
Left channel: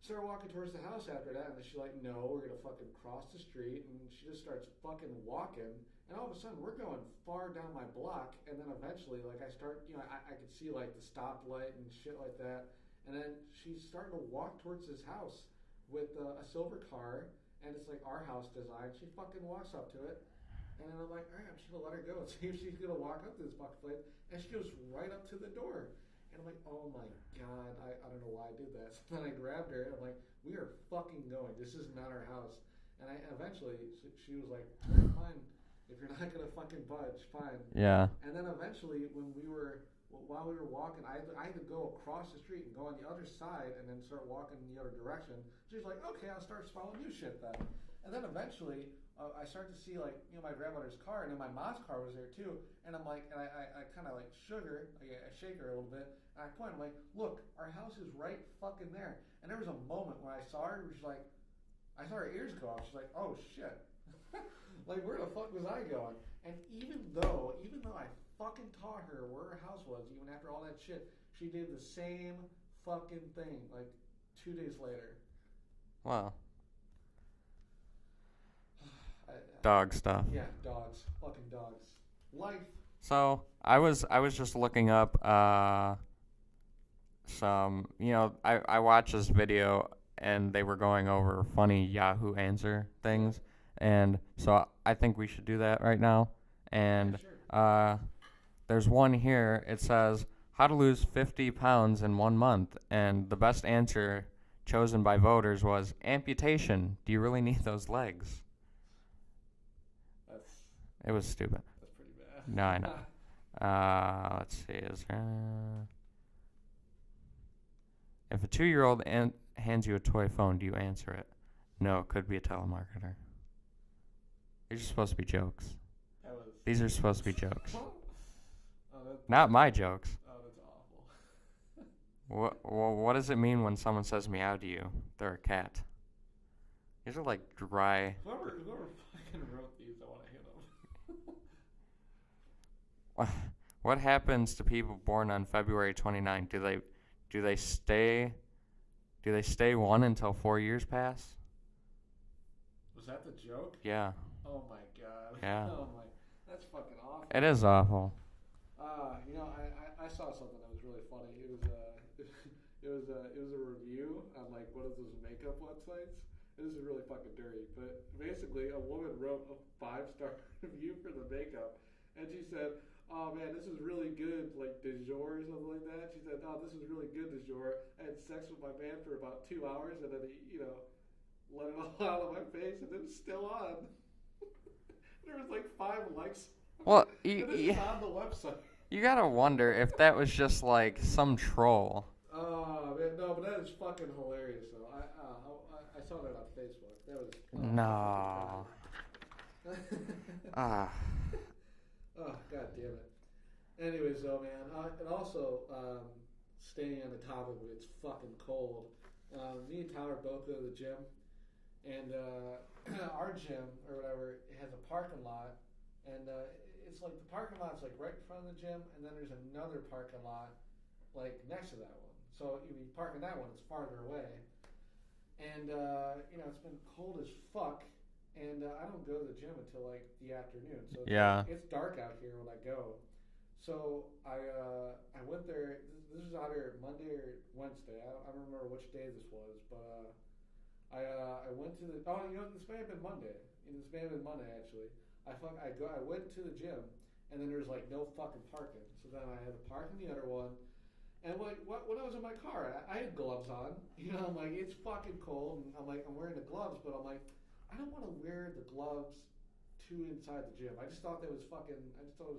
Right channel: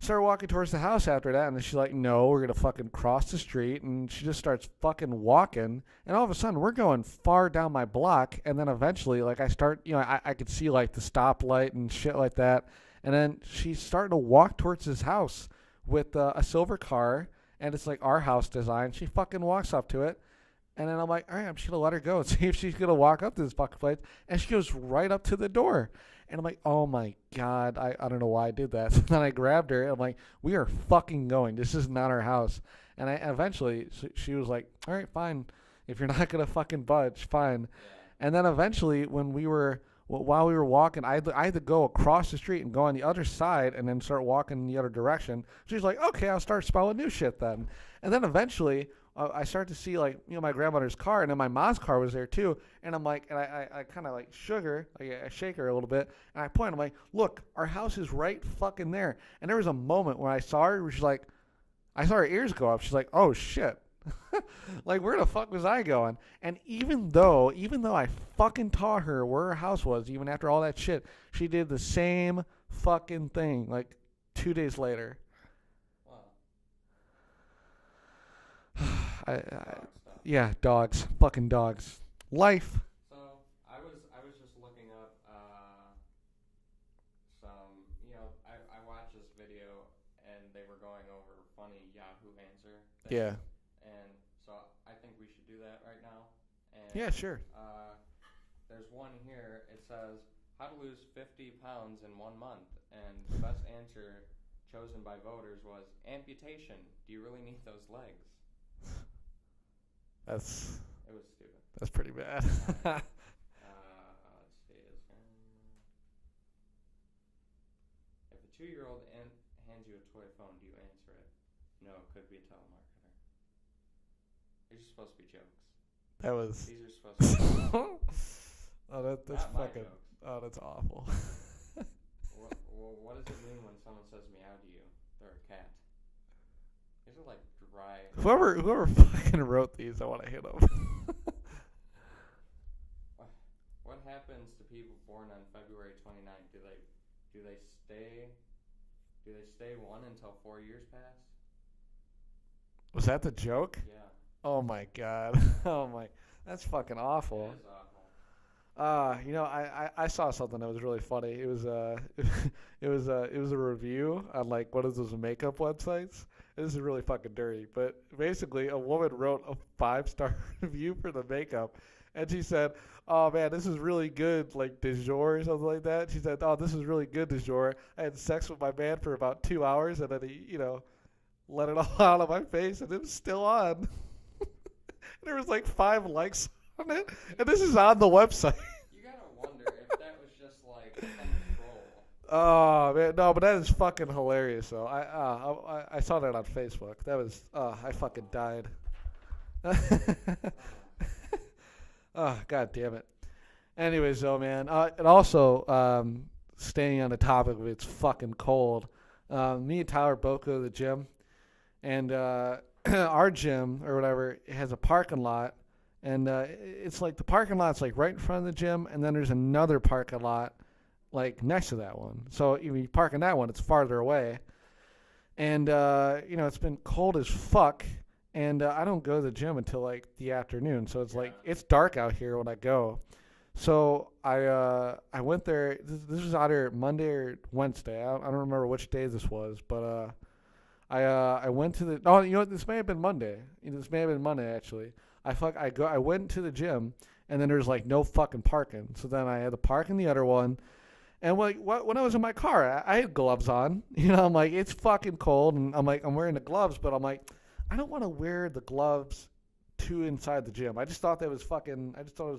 start walking towards the house after that. And then she's like, no, we're going to fucking cross the street. And she just starts fucking walking. And all of a sudden, we're going far down my block. And then eventually, like, I start, I could see, like, the stoplight and shit like that. And then she's starting to walk towards his house with a silver car. And it's, like, our house design. She fucking walks up to it. And then I'm like, all right, I'm just going to let her go and see if she's going to walk up to this fucking place. And she goes right up to the door. And I'm like, oh my God, I don't know why I did that. So then I grabbed her and I'm like, we are fucking going. This is not our house. And I eventually, she was like, all right, fine. If you're not going to fucking budge, fine. Yeah. And then eventually when while we were walking, I had to go across the street and go on the other side and then start walking in the other direction. She's like, okay, I'll start spelling new shit then. And then eventually I started to see, like, my grandmother's car, and then my mom's car was there too. And I'm like, and I kind of like shook her, like I shake her a little bit, and I point. I'm like, look, our house is right fucking there. And there was a moment when I saw her, where she's like, I saw her ears go up. She's like, oh shit, like where the fuck was I going? And even though I fucking taught her where her house was, even after all that shit, she did the same fucking thing like 2 days later. Wow. Dog stuff. Yeah, dogs. Fucking dogs. Life. So I was just looking up some, I watched this video and they were going over funny Yahoo answer things. Yeah. And so I think we should do that right now. And yeah, sure. There's one here. It says how to lose 50 pounds in 1 month, and the best answer chosen by voters was amputation. Do you really need those legs? It was stupid. That's pretty bad. No, I know. Let's see. Is there... If a 2-year-old hands you a toy phone, do you answer it? No, it could be a telemarketer. These are supposed to be jokes. These are supposed to be jokes. That's not my jokes. Oh, that's awful. What does it mean when someone says meow to you? They're a cat. These are like dry. Whoever fucking wrote these, I want to hit them. What happens to people born on February 29? Do they stay 1 until 4 years pass? Was that the joke? Yeah. Oh my God. Yeah. Oh my, that's fucking awful. It is awful. I saw something that was really funny. It was it was a review on like one of those makeup websites. This is really fucking dirty, but basically a woman wrote a 5-star review for the makeup, and she said, oh man, this is really good, like de jour or something like that. She said, oh, this is really good de jour. I had sex with my man for about 2 hours, and then he, let it all out of my face, and it was still on. There was like 5 likes on it. And this is on the website. You gotta wonder if that was just like some troll. Oh man, no, but that is fucking hilarious though. I saw that on Facebook. That was I fucking died. Oh, God damn it. Anyways though, man, and also staying on the topic of it's fucking cold. Me and Tyler both go to the gym, and our gym or whatever has a parking lot, and it's like the parking lot's like right in front of the gym, and then there's another parking lot like next to that one. So if you park in that one, it's farther away. And it's been cold as fuck, and I don't go to the gym until like the afternoon. So it's like it's dark out here when I go. So I went there. This was either Monday or Wednesday. I don't remember which day this was, but I went to the. Oh, this may have been Monday. This may have been Monday actually. I went to the gym, and then there's like no fucking parking. So then I had to park in the other one. And when I was in my car, I had gloves on. I'm like, it's fucking cold, and I'm like, I'm wearing the gloves, but I'm like, I don't want to wear the gloves to inside the gym. I just thought it was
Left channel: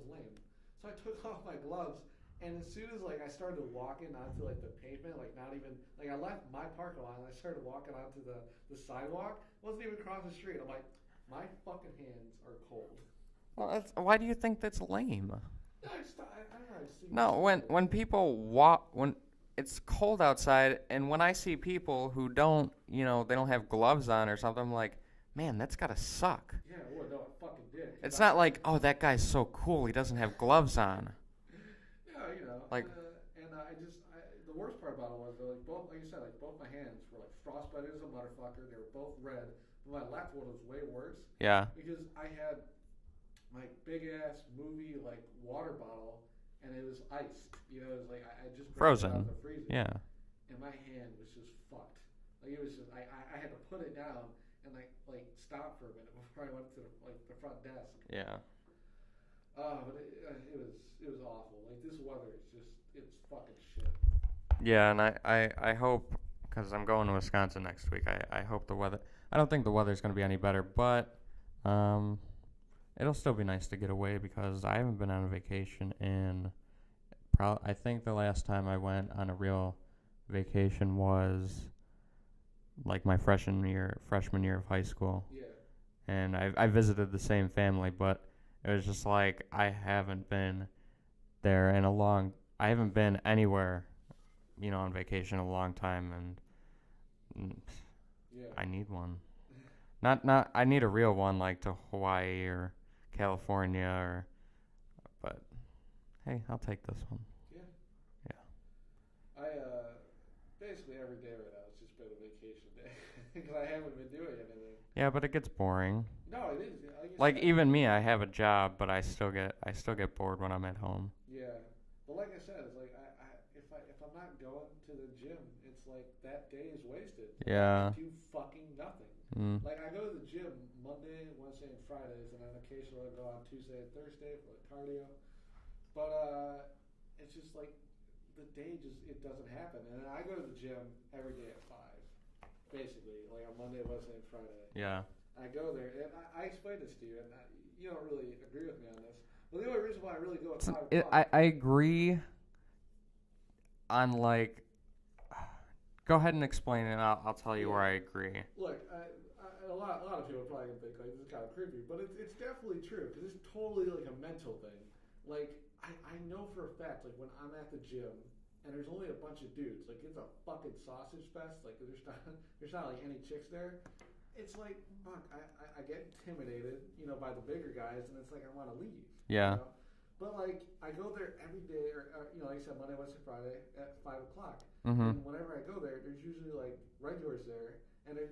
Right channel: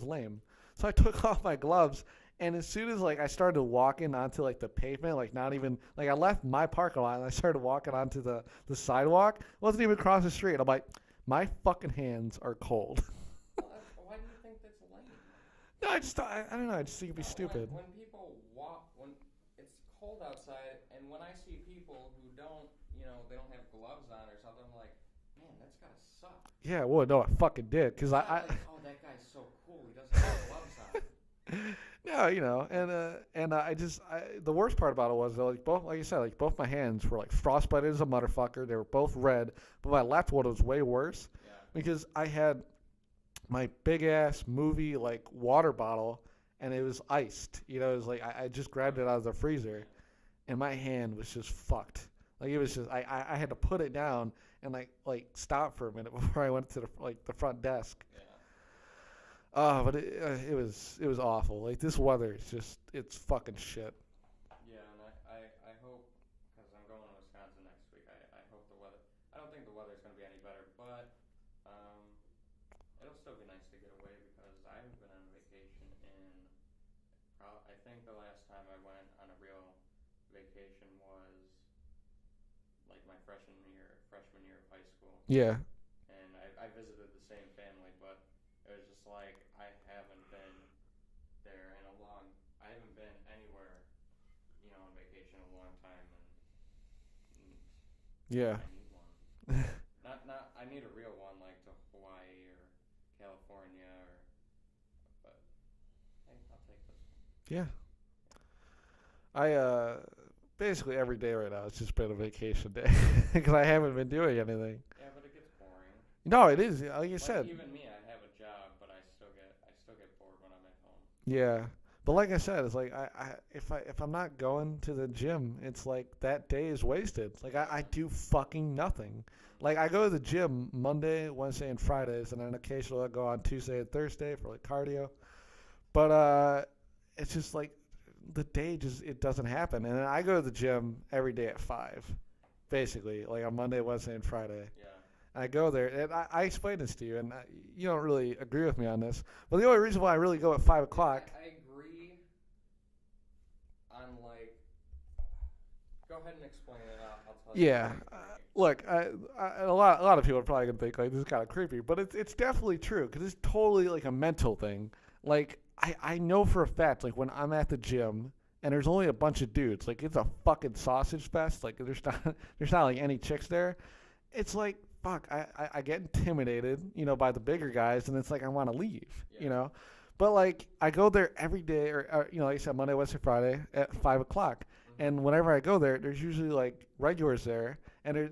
lame. So I took off my gloves, and as soon as like I started walking onto like the pavement, like not even like I left my parking lot and I started walking onto the sidewalk, wasn't even across the street. I'm like, my fucking hands are cold. Well, why do you think that's lame? No, I don't know. I just think when people walk, when it's cold outside, and when I see people who don't, they don't have gloves on or something, I'm like, man, that's gotta suck. Yeah, well, no, it fucking did. It's not like, oh, that guy's so cool, he doesn't have gloves on. No, like, the worst part about it was though, like you said, like both my hands were like frostbitten as a motherfucker. They were both red, but my left one was way worse. Yeah. Because I had my big ass movie like water bottle, and it was iced. It was like I just grabbed Frozen. it out of the freezer. Yeah. And my hand was just fucked. Like it was just I had to put it down, and stop for a minute before I went to the front desk. Yeah. Oh, but it was awful. Like this weather is it's fucking shit. Yeah, and I hope, because I'm going to Wisconsin next week, I hope the weather, I don't think the weather's going to be any better, but it'll still be nice to get away because I haven't been on a vacation in, I think the last time I went on a real vacation was like my freshman year of high school. Yeah. And I visited the same family, but it was just like I haven't been there in I haven't been anywhere, on vacation in a long time, and yeah, I need one. not I need a real one, like to Hawaii or California but hey, I'll take this one. Yeah. Yeah. I basically every day right now it's just been a vacation day because I haven't been doing anything. Yeah, but it gets boring. No, it is. Like you said. Even me, I have a job, but I still get bored when I'm at home. Yeah. But like I said, it's like if I'm not going to the gym, it's like that day is wasted. Like Yeah. I do fucking nothing. Like I go to the gym Monday, Wednesday, and Fridays, and then occasionally I go on Tuesday and Thursday for like cardio. But it's just like the day it doesn't happen. And then I go to the gym every day at 5, basically, like on Monday, Wednesday, and Friday. Yeah. I go there, and I explain this to you, and you don't really agree with me on this. But the only reason why I really go at 5 o'clock... I agree on, Go ahead and explain it, and I'll tell you where I agree. Look, a lot of people are probably going to think, like, this is kind of creepy, but it's definitely true, because it's totally, like, a mental thing. Like, I know for a fact, like, when I'm at the gym, and there's only a bunch of dudes, like, it's a fucking sausage fest, like, there's not like, any chicks there. It's like... Fuck, I get intimidated, by the bigger guys, and it's like I want to leave, Yeah. But, like, I go there every day, or like I said, Monday, Wednesday, Friday at 5 o'clock. Mm-hmm. And whenever I go there, there's usually, like, regulars there, and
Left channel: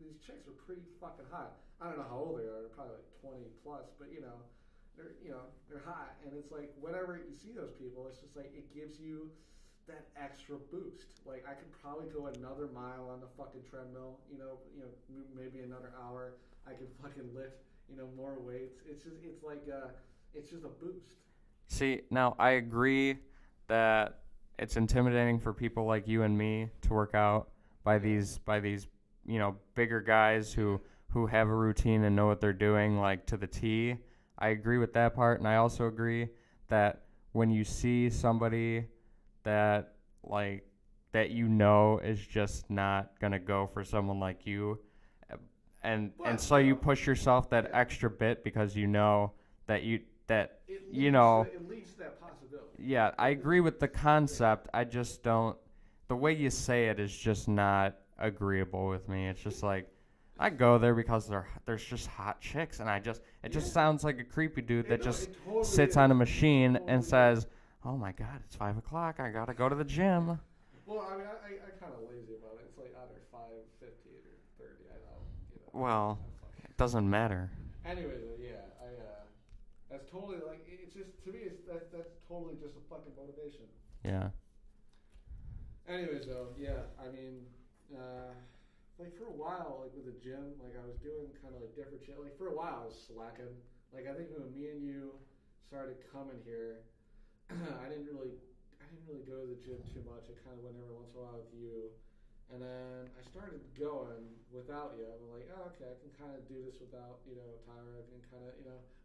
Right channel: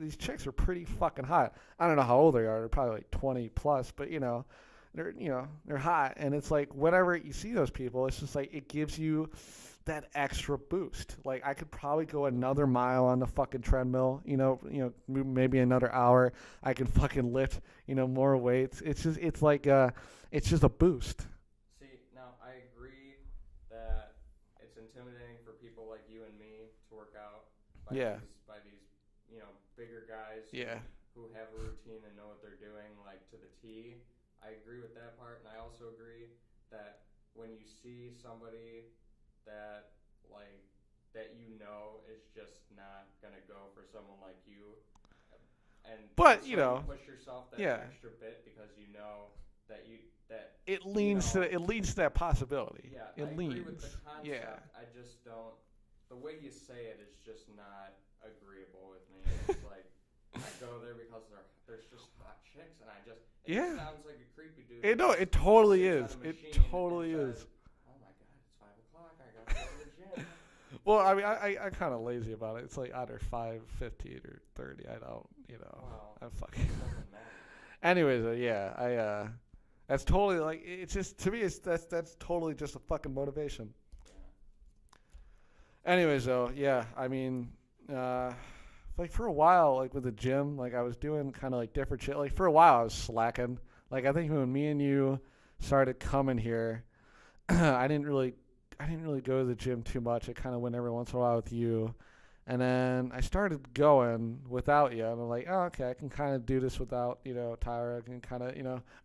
these chicks are pretty fucking hot. I don't know how old they are. They're probably, like, 20 plus, but, they're hot. And it's like whenever you see those people, it's just like it gives you that extra boost. Like I could probably go another mile on the fucking treadmill, maybe another hour. I can fucking lift, more weights. It's just a boost. See, now I agree that it's intimidating for people like you and me to work out by these bigger guys who have a routine and know what they're doing like to the T. I agree with that part, and I also agree that when you see somebody that is just not gonna go for someone like you, and so you push yourself that extra bit because that it leads to that possibility. Yeah, I agree with the concept. Yeah. I just don't. The way you say it is just not agreeable with me. It's just like I go there because there's just hot chicks, and it just sounds like a creepy dude that totally sits on a machine and says. Is. Oh my God! It's 5 o'clock. I gotta go to the gym. Well, I mean, I kind of lazy about it. It's like either 5:15 or 30. I don't, Well, it doesn't matter. Anyways, that's totally like it's just to me. That's totally just a fucking motivation. Yeah. Anyways, though, I mean, like for a while, like with the gym, like I was doing kind of like different shit. Like for a while, I was slacking. Like I think when me and you started coming here. I didn't really go to the gym too much. I kind of went every once in a while with you, and then I started going without you. And I'm like, oh, okay, I can kind of do this without Tyra. I can kind of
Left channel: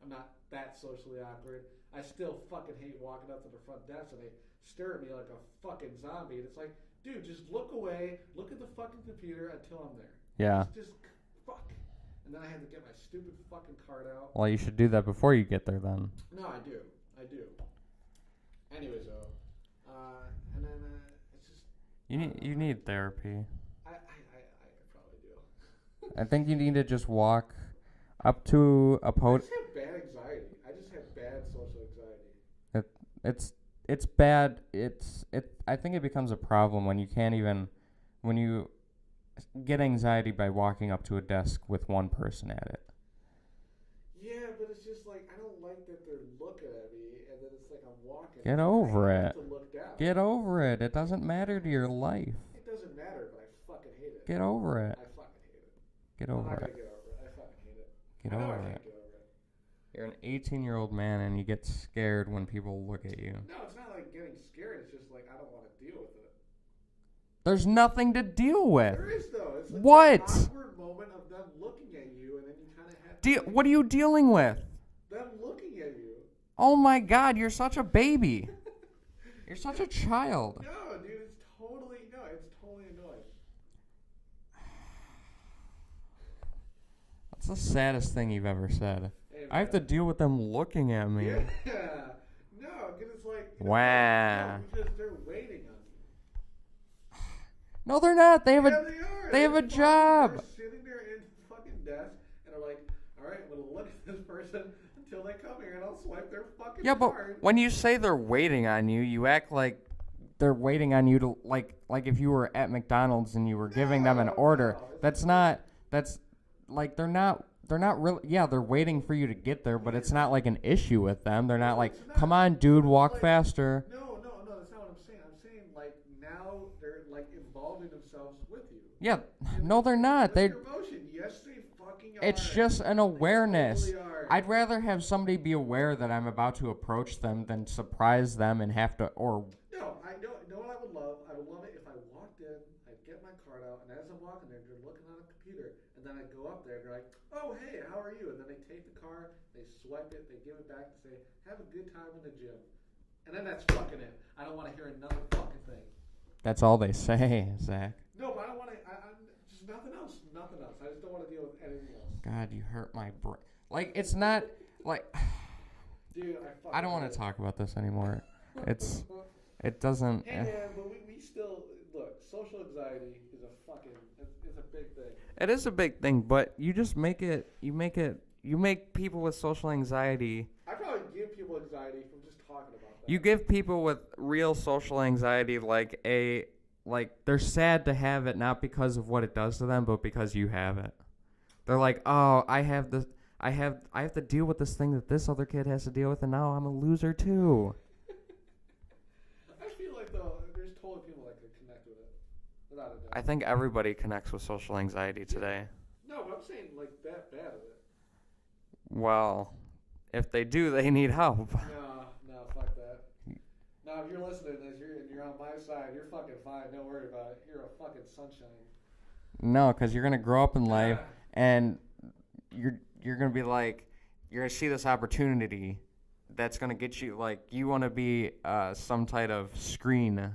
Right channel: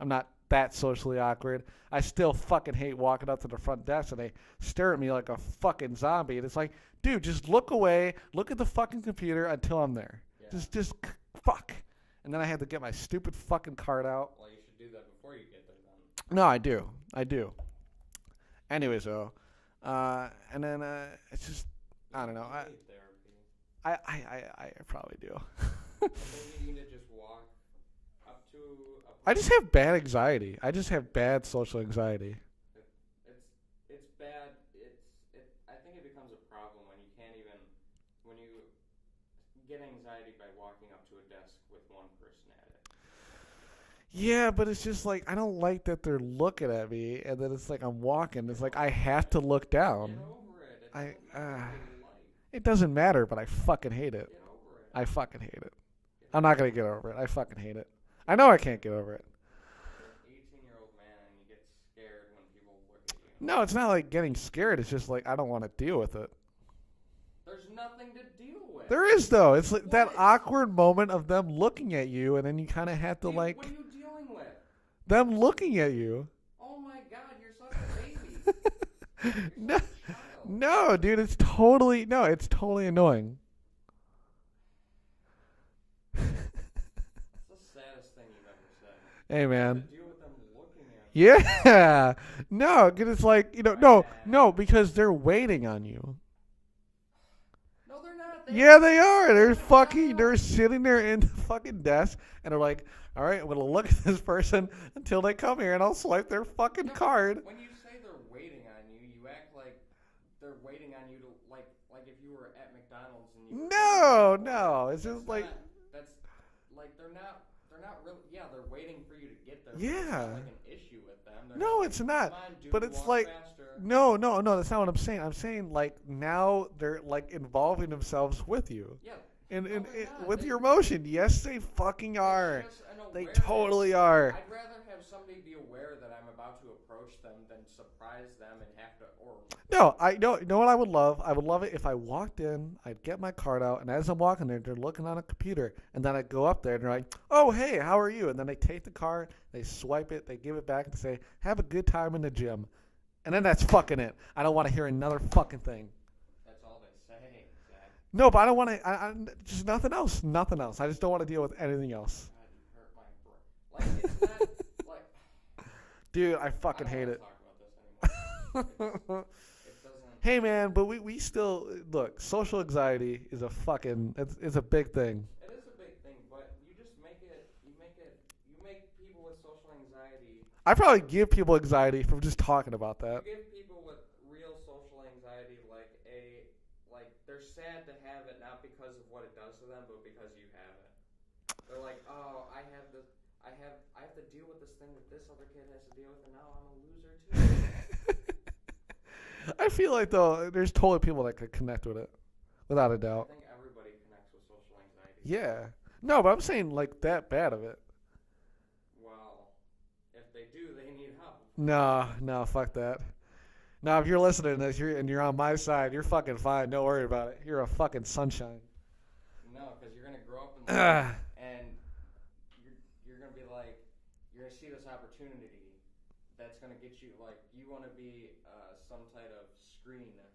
I'm not that socially awkward. I still fucking hate walking up to the front desk and they stare at me like a fucking zombie. And it's like, dude, just look away, look at the fucking computer until I'm there. Yeah. Just fuck. And then I had to get my stupid fucking card out. Well, you should do that before you get there then. No, I do. Anyways, though, and then it's just you need therapy. I probably do. I think you need to just walk up to a post. I just have bad anxiety. I just have bad social anxiety. It's bad. I think it becomes a problem when you get anxiety by walking up to a desk with one person at it. Yeah, but it's just like I don't like that they're looking at me, and then it's like I'm walking. Get it's over like I have to look down. Get over it. It doesn't matter to your life. It doesn't matter, but I fucking hate it. Get over it. I fucking hate it. Get over I'm not it. gonna get over it. I fucking hate it. Get I know I over can't it. get over it. You're an 18-year-old man and you get scared when people look at you. No, it's not like getting scared. It's just like I don't want to deal with it. There's nothing to deal with. There is though. It's like What? that awkward moment of them looking at you, and then you kind of have to like What are you dealing with? them looking at you. Oh my God, you're such a baby. You're such a child. No, dude, it's totally annoying. That's the saddest thing you've ever said. Hey I have to man. deal with them looking at me. Yeah. No, 'cause it's like no, Wah. because they're waiting on you. No, they're not. They They are. they They're have a fucking. job. They're sitting there in the fucking desk, and they're like, "All right, I'm gonna look at this person until they come here, and I'll swipe their fucking Yeah, card." but when you say they're waiting on you, you act like they're waiting on you to like if you were at McDonald's and you were giving them an order. No, it's That's just not. That's like they're not really. Yeah, they're waiting for you to get there, but it's Yeah. not like an issue with them. They're No, not like, it's not. come on, But dude, it's walk like- faster. No, that's not what I'm saying. I'm saying like now they're like involving themselves with you. Yeah, And no, they're not. With They. your emotion, yes, they fucking are. It's just an They awareness. totally are. I'd rather have somebody be aware that I'm about to approach them than surprise them and have to or No, I know. You know what I would love? I would love it if I walked in, I'd get my card out, and as I'm walking there, they're looking on a computer, and then I'd go up there and they're like, "Oh, hey, how are you?" And then they take the card, they swipe it, they give it back, and say, "Have a good time in the gym," and then that's fucking it. I don't want to hear another fucking thing. that's all they say, Zach. No, but I don't want to. I just nothing else. Nothing else. I just don't want to deal with anything else. God, you hurt my brain. Like it's not like Dude, I fucking I don't hate want it. to talk about this anymore. It doesn't. Hey man, but we still look. Social anxiety is a fucking. It's a big thing. It is a big thing, but you just make it. You make people with social anxiety. I probably give people anxiety from just talking about that. You give people with real social anxiety like they're sad to have it, not because of what it does to them, but because you have it. They're like, oh, I have to deal with this thing that this other kid has to deal with, and now I'm a loser too. I feel like though there's totally people that could connect with it, without a doubt. I think everybody connects with social anxiety today. Yeah. No, but I'm saying like that bad of it. Well, if they do, they need help. No, fuck that. No, if you're listening to this, you're on my side, you're fucking fine. Don't worry about it. You're a fucking sunshine. No, because you're gonna grow up in life, and you're gonna be like, you're gonna see this opportunity that's gonna get you like you want to be some type of screenwriter,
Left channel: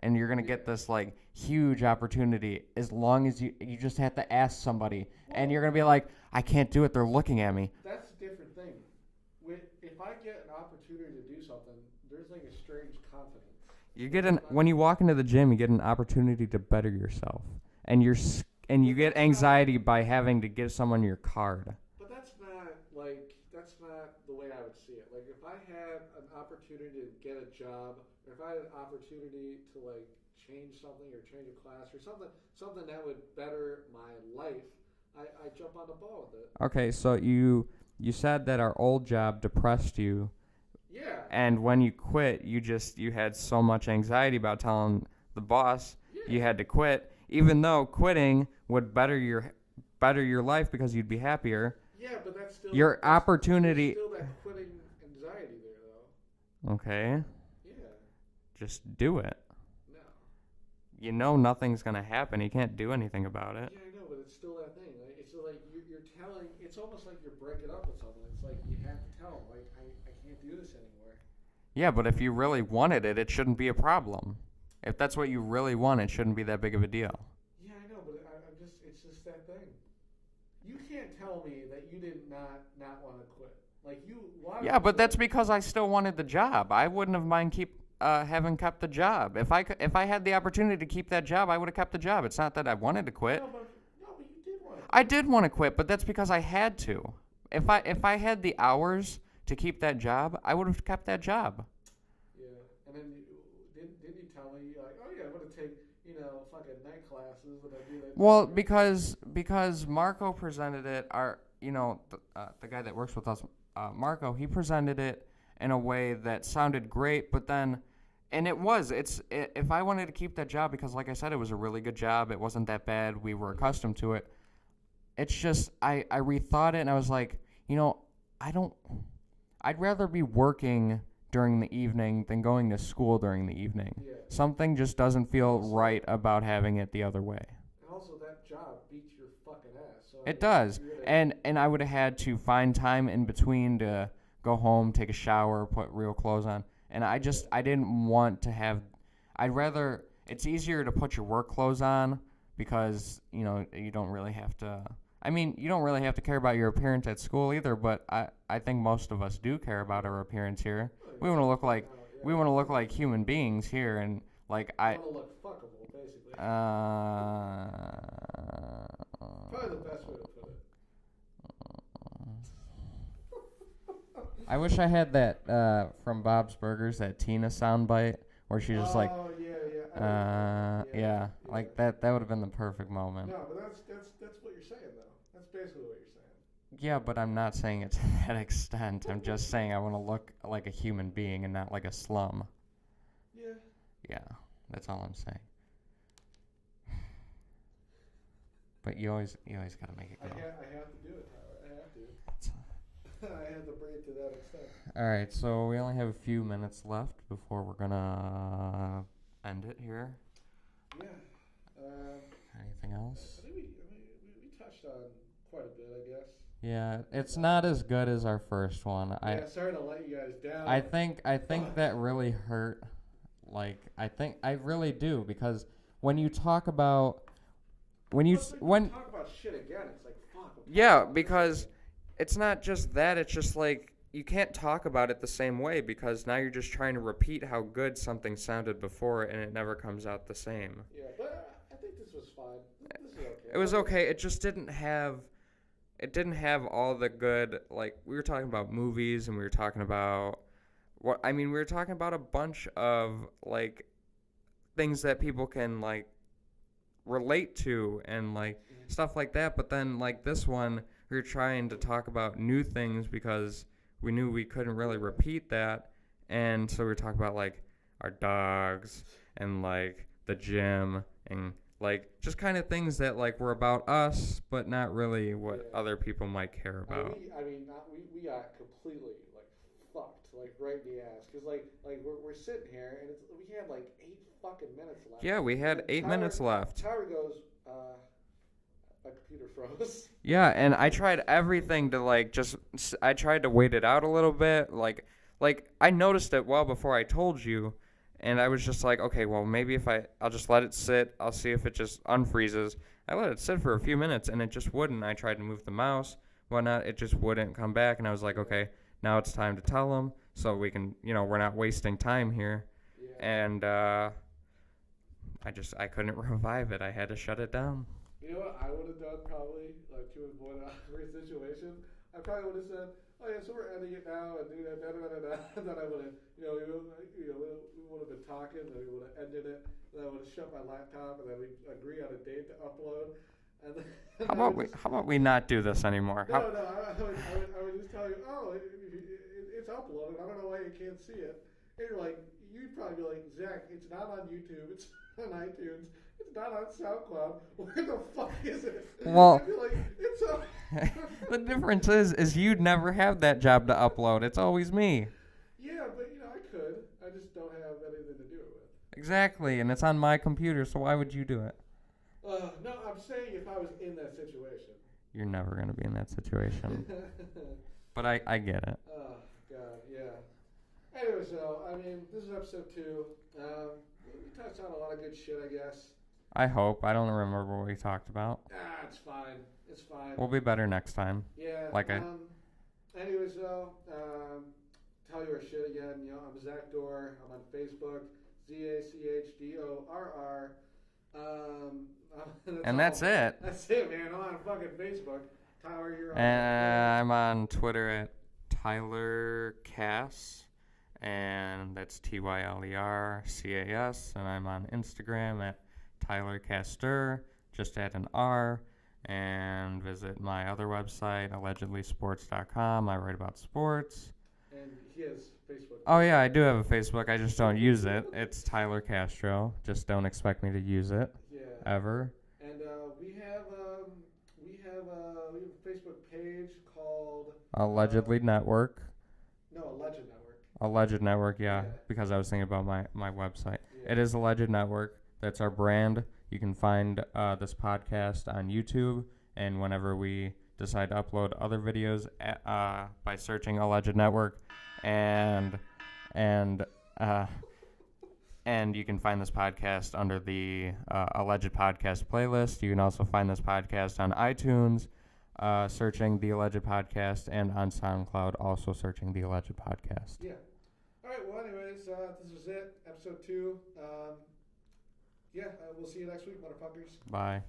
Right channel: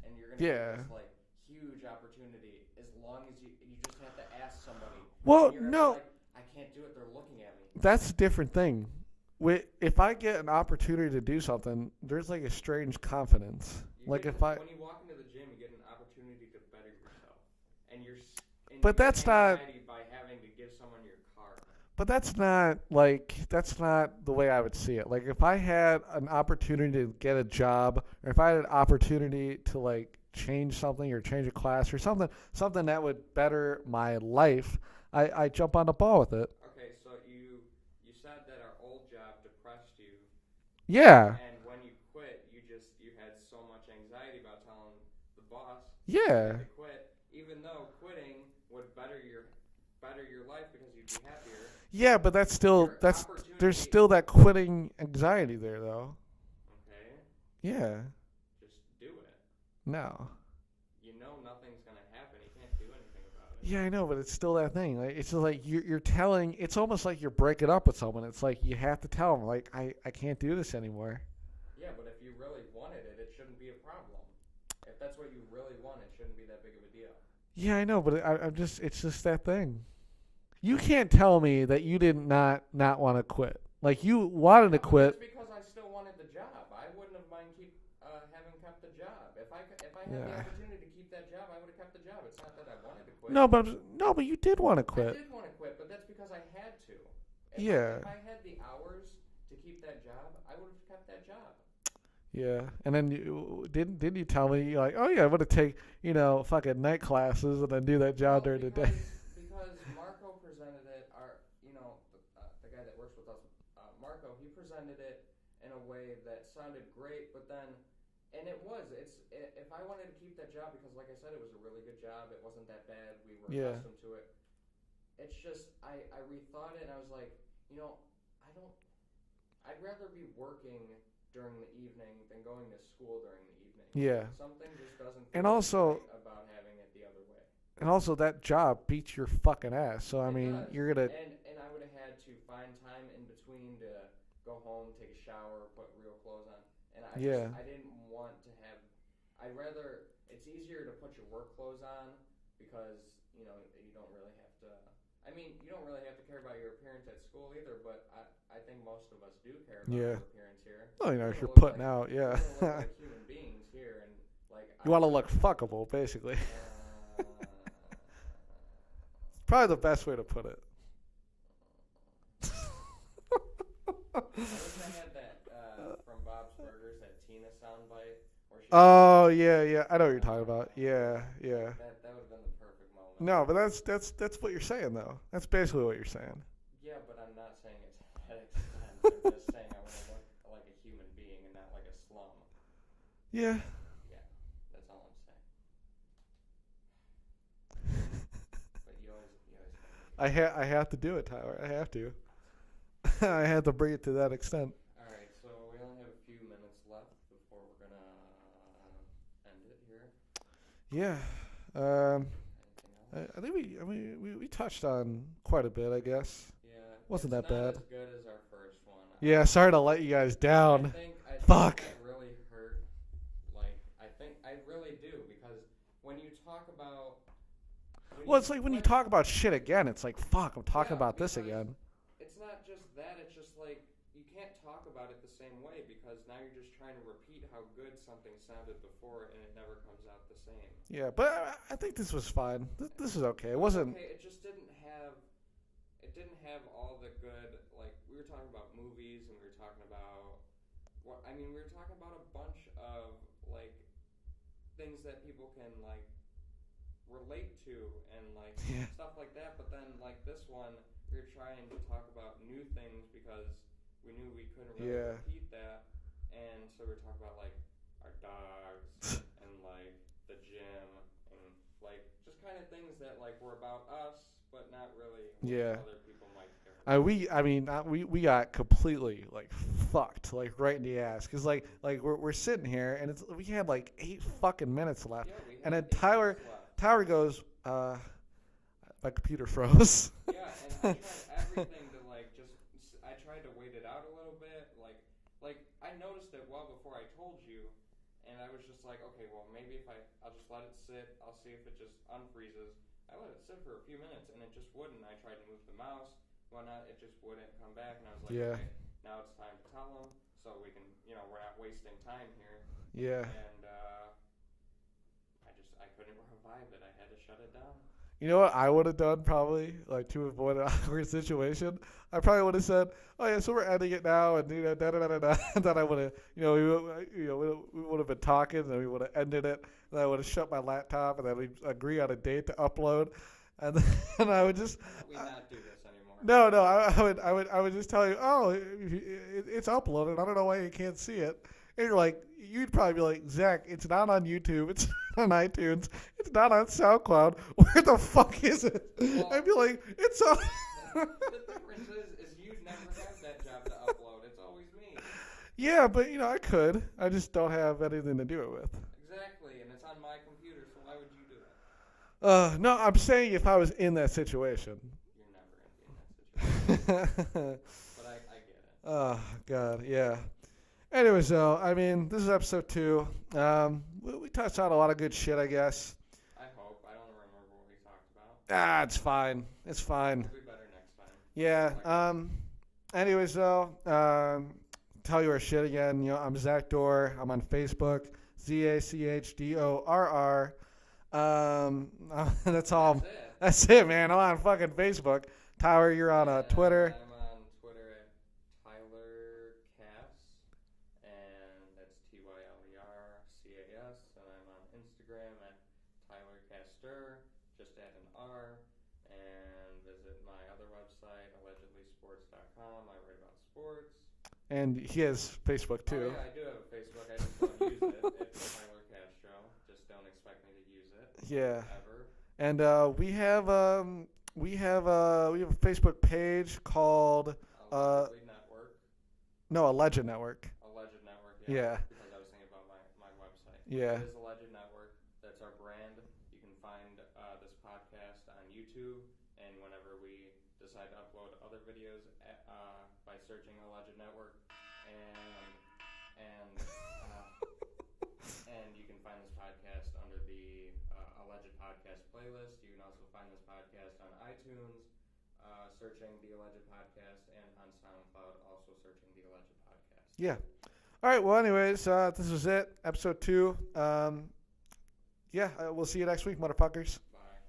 and you're gonna get this like huge opportunity as long as you just have to ask somebody, and you're gonna be like, I can't do it. They're looking at me. That's a different thing. If I get an opportunity to do something, there's like a strange confidence. You like get when you walk into the gym, you get an opportunity to better yourself, and you get anxiety by having to give someone your card. But that's not the way I would see it. Like if I had an opportunity to get a job, or if I had an opportunity to like change something or change a class or something that would better my life, I jump on the ball with it. Okay, so you said that our old job depressed you. Yeah. And when you quit, you had so much anxiety about telling the boss you had to quit, even though quitting would better your life because you'd be happier. Yeah, but that's still opportunity. There's still that quitting anxiety there, though. Okay. Yeah. Just do it. No. You know nothing's gonna happen. You can't do anything about it. Yeah, I know, but it's still that thing. Like it's just like you're telling. It's almost like you're breaking up with someone. It's like you have to tell them, like I can't do this anymore. Yeah, but if you really wanted it, it shouldn't be a problem. If that's what you really want, it shouldn't be that big of a deal. Yeah, I know, but it's just that thing. You can't tell me that you did not want to quit. Like you wanted to quit. Yeah, but that's because I still wanted the job. I wouldn't have mind having kept the job. If I had the opportunity to keep that job, I would have kept the job. It's not that I wanted to quit. No, but you did want to quit. I did want to quit, but that's because I had to. If I had the hours to keep that job, I would have kept that job. Yeah, and then didn't you tell me like, oh yeah, I'm gonna take fucking night classes and then do that job. Well, because Marco presented it. The guy that works with us, Marco, he presented it in a way that sounded great, but then And it was. If I wanted to keep that job, because like I said, it was a really good job. It wasn't that bad. We were Yeah. accustomed to it. It's just I rethought it and I was like, I don't. I'd rather be working during the evening than going to school during the evening. Yeah. Something just doesn't feel also- right about having it the other way. And also, that job beats your fucking ass. So I It mean, does. You're gonna. And I would have had to find time in between to go home, take a shower, put real clothes on. And I didn't want to have. I'd rather. It's easier to put your work clothes on because you don't really have to. I mean, you don't really have to care about your appearance at school either. But I think most of us do care about our appearance here. Oh, we want to look like we want to look like human beings here, and like you want to look fuckable, basically. Probably the best way to put it. I wish I had that from Bob's Burgers, that Tina soundbite where she was yeah. I know what you're talking about. Yeah. Like that would have been the perfect moment. No, but that's what you're saying, though. That's basically what you're saying. Yeah, but I'm not saying it to that extent. I'm just saying I want to look like a human being and not like a slum. Yeah. Yeah, that's all I'm saying. But you always gotta make it. I have to do it, Tyler. I have to. I had to bring it to that extent. All right, so we only have a few minutes left before we're gonna end it here. Yeah. Anything else? I think we touched on quite a bit, I guess. Yeah, Wasn't it's that not bad. as good as our first one. Yeah, sorry to let you guys down. I think Fuck. that really hurt. Like I really do, because when you talk about when you it's like when you talk about shit again, it's like fuck. I'm talking yeah, about because this again. it's not just that. It's just like you can't talk about it the same way because now you're just trying to repeat how good something sounded before, and it never comes out the same. Yeah, but I think this was fine. This is okay. It was okay. It just didn't have. It didn't have all the good. Like we were talking about movies, and we were talking about we were talking about a bunch of like things that people can like relate to and like stuff like that. But then like this one, we were trying to talk about new things because we knew we couldn't really repeat that, and so we were talking about like our dogs and like the gym and like just kind of things that like were about us, but not really what other people might care about. We got completely like fucked, like right in the ass, because like we're sitting here and we had like 8 fucking minutes left. Yeah, we had 8 minutes left. Tyler goes, my computer froze. Yeah, and I tried everything to like I tried to wait it out a little bit. Like I noticed it well before I told you. And I was just like, okay, well, maybe if I'll just let it sit. I'll see if it just unfreezes. I let it sit for a few minutes, and it just wouldn't. I tried to move the mouse, whatnot. It just wouldn't come back. And I was like, okay, now it's time to tell them so we can, we're not wasting time here. Yeah. And I couldn't revive it. I had to shut it down. You know what I would have done probably, like to avoid an awkward situation? I probably would have said, "Oh yeah, so we're ending it now," and da da da da da. And then I would have, we would have been talking, and then we would have ended it. And I would have shut my laptop, and then we agree on a date to upload. And then how about we not do this anymore? No, I would just tell you, oh, it's uploaded. I don't know why you can't see it. And you're like, you'd probably be like, Zach, it's not on YouTube. It's not on iTunes. It's not on SoundCloud. Where the fuck is it? Well, I'd be like, it's on. The difference is you'd never have that job to upload. It's always me. Yeah, but I could. I just don't have anything to do it with. Exactly, and it's on my computer, so why would you do it? No, I'm saying if I was in that situation. You're never going to be in that situation. But I get it. Oh, God, yeah. Anyways, though, this is episode 2. We touched on a lot of good shit, I guess. I hope. I don't remember what we talked about. It's fine. It's fine. We'll be better next time. Yeah. Anyways, though, tell you our shit again. I'm Zach Dorr. I'm on Facebook. ZACHDORR. That's it. That's it, man. I'm on fucking Facebook. Tyler, you're on Twitter. I'm on Twitter at Tyler Cass, and that's TYLERCAS, and I'm on Instagram at Tyler Castor, just add an R, and visit my other website, allegedlysports.com. I write about sports. And he has Facebook too. Oh yeah, I do have a Facebook. I just don't use it. It's Tyler Castro. Just don't expect me to use it. Yeah. Ever. And we have a Facebook page called Allegedly Network. No, Alleged Network. Alleged Network, yeah. Yeah. Because I was thinking about my website. Yeah. It is Alleged Network. That's our brand. You can find this podcast on YouTube, and whenever we decide to upload other videos by searching Alleged Network, and you can find this podcast under the Alleged Podcast playlist. You can also find this podcast on iTunes, searching the Alleged Podcast, and on SoundCloud, also searching the Alleged Podcast. Yeah. All right. Well, anyways, this was it. Episode 2. We'll see you next week, motherfuckers. Bye.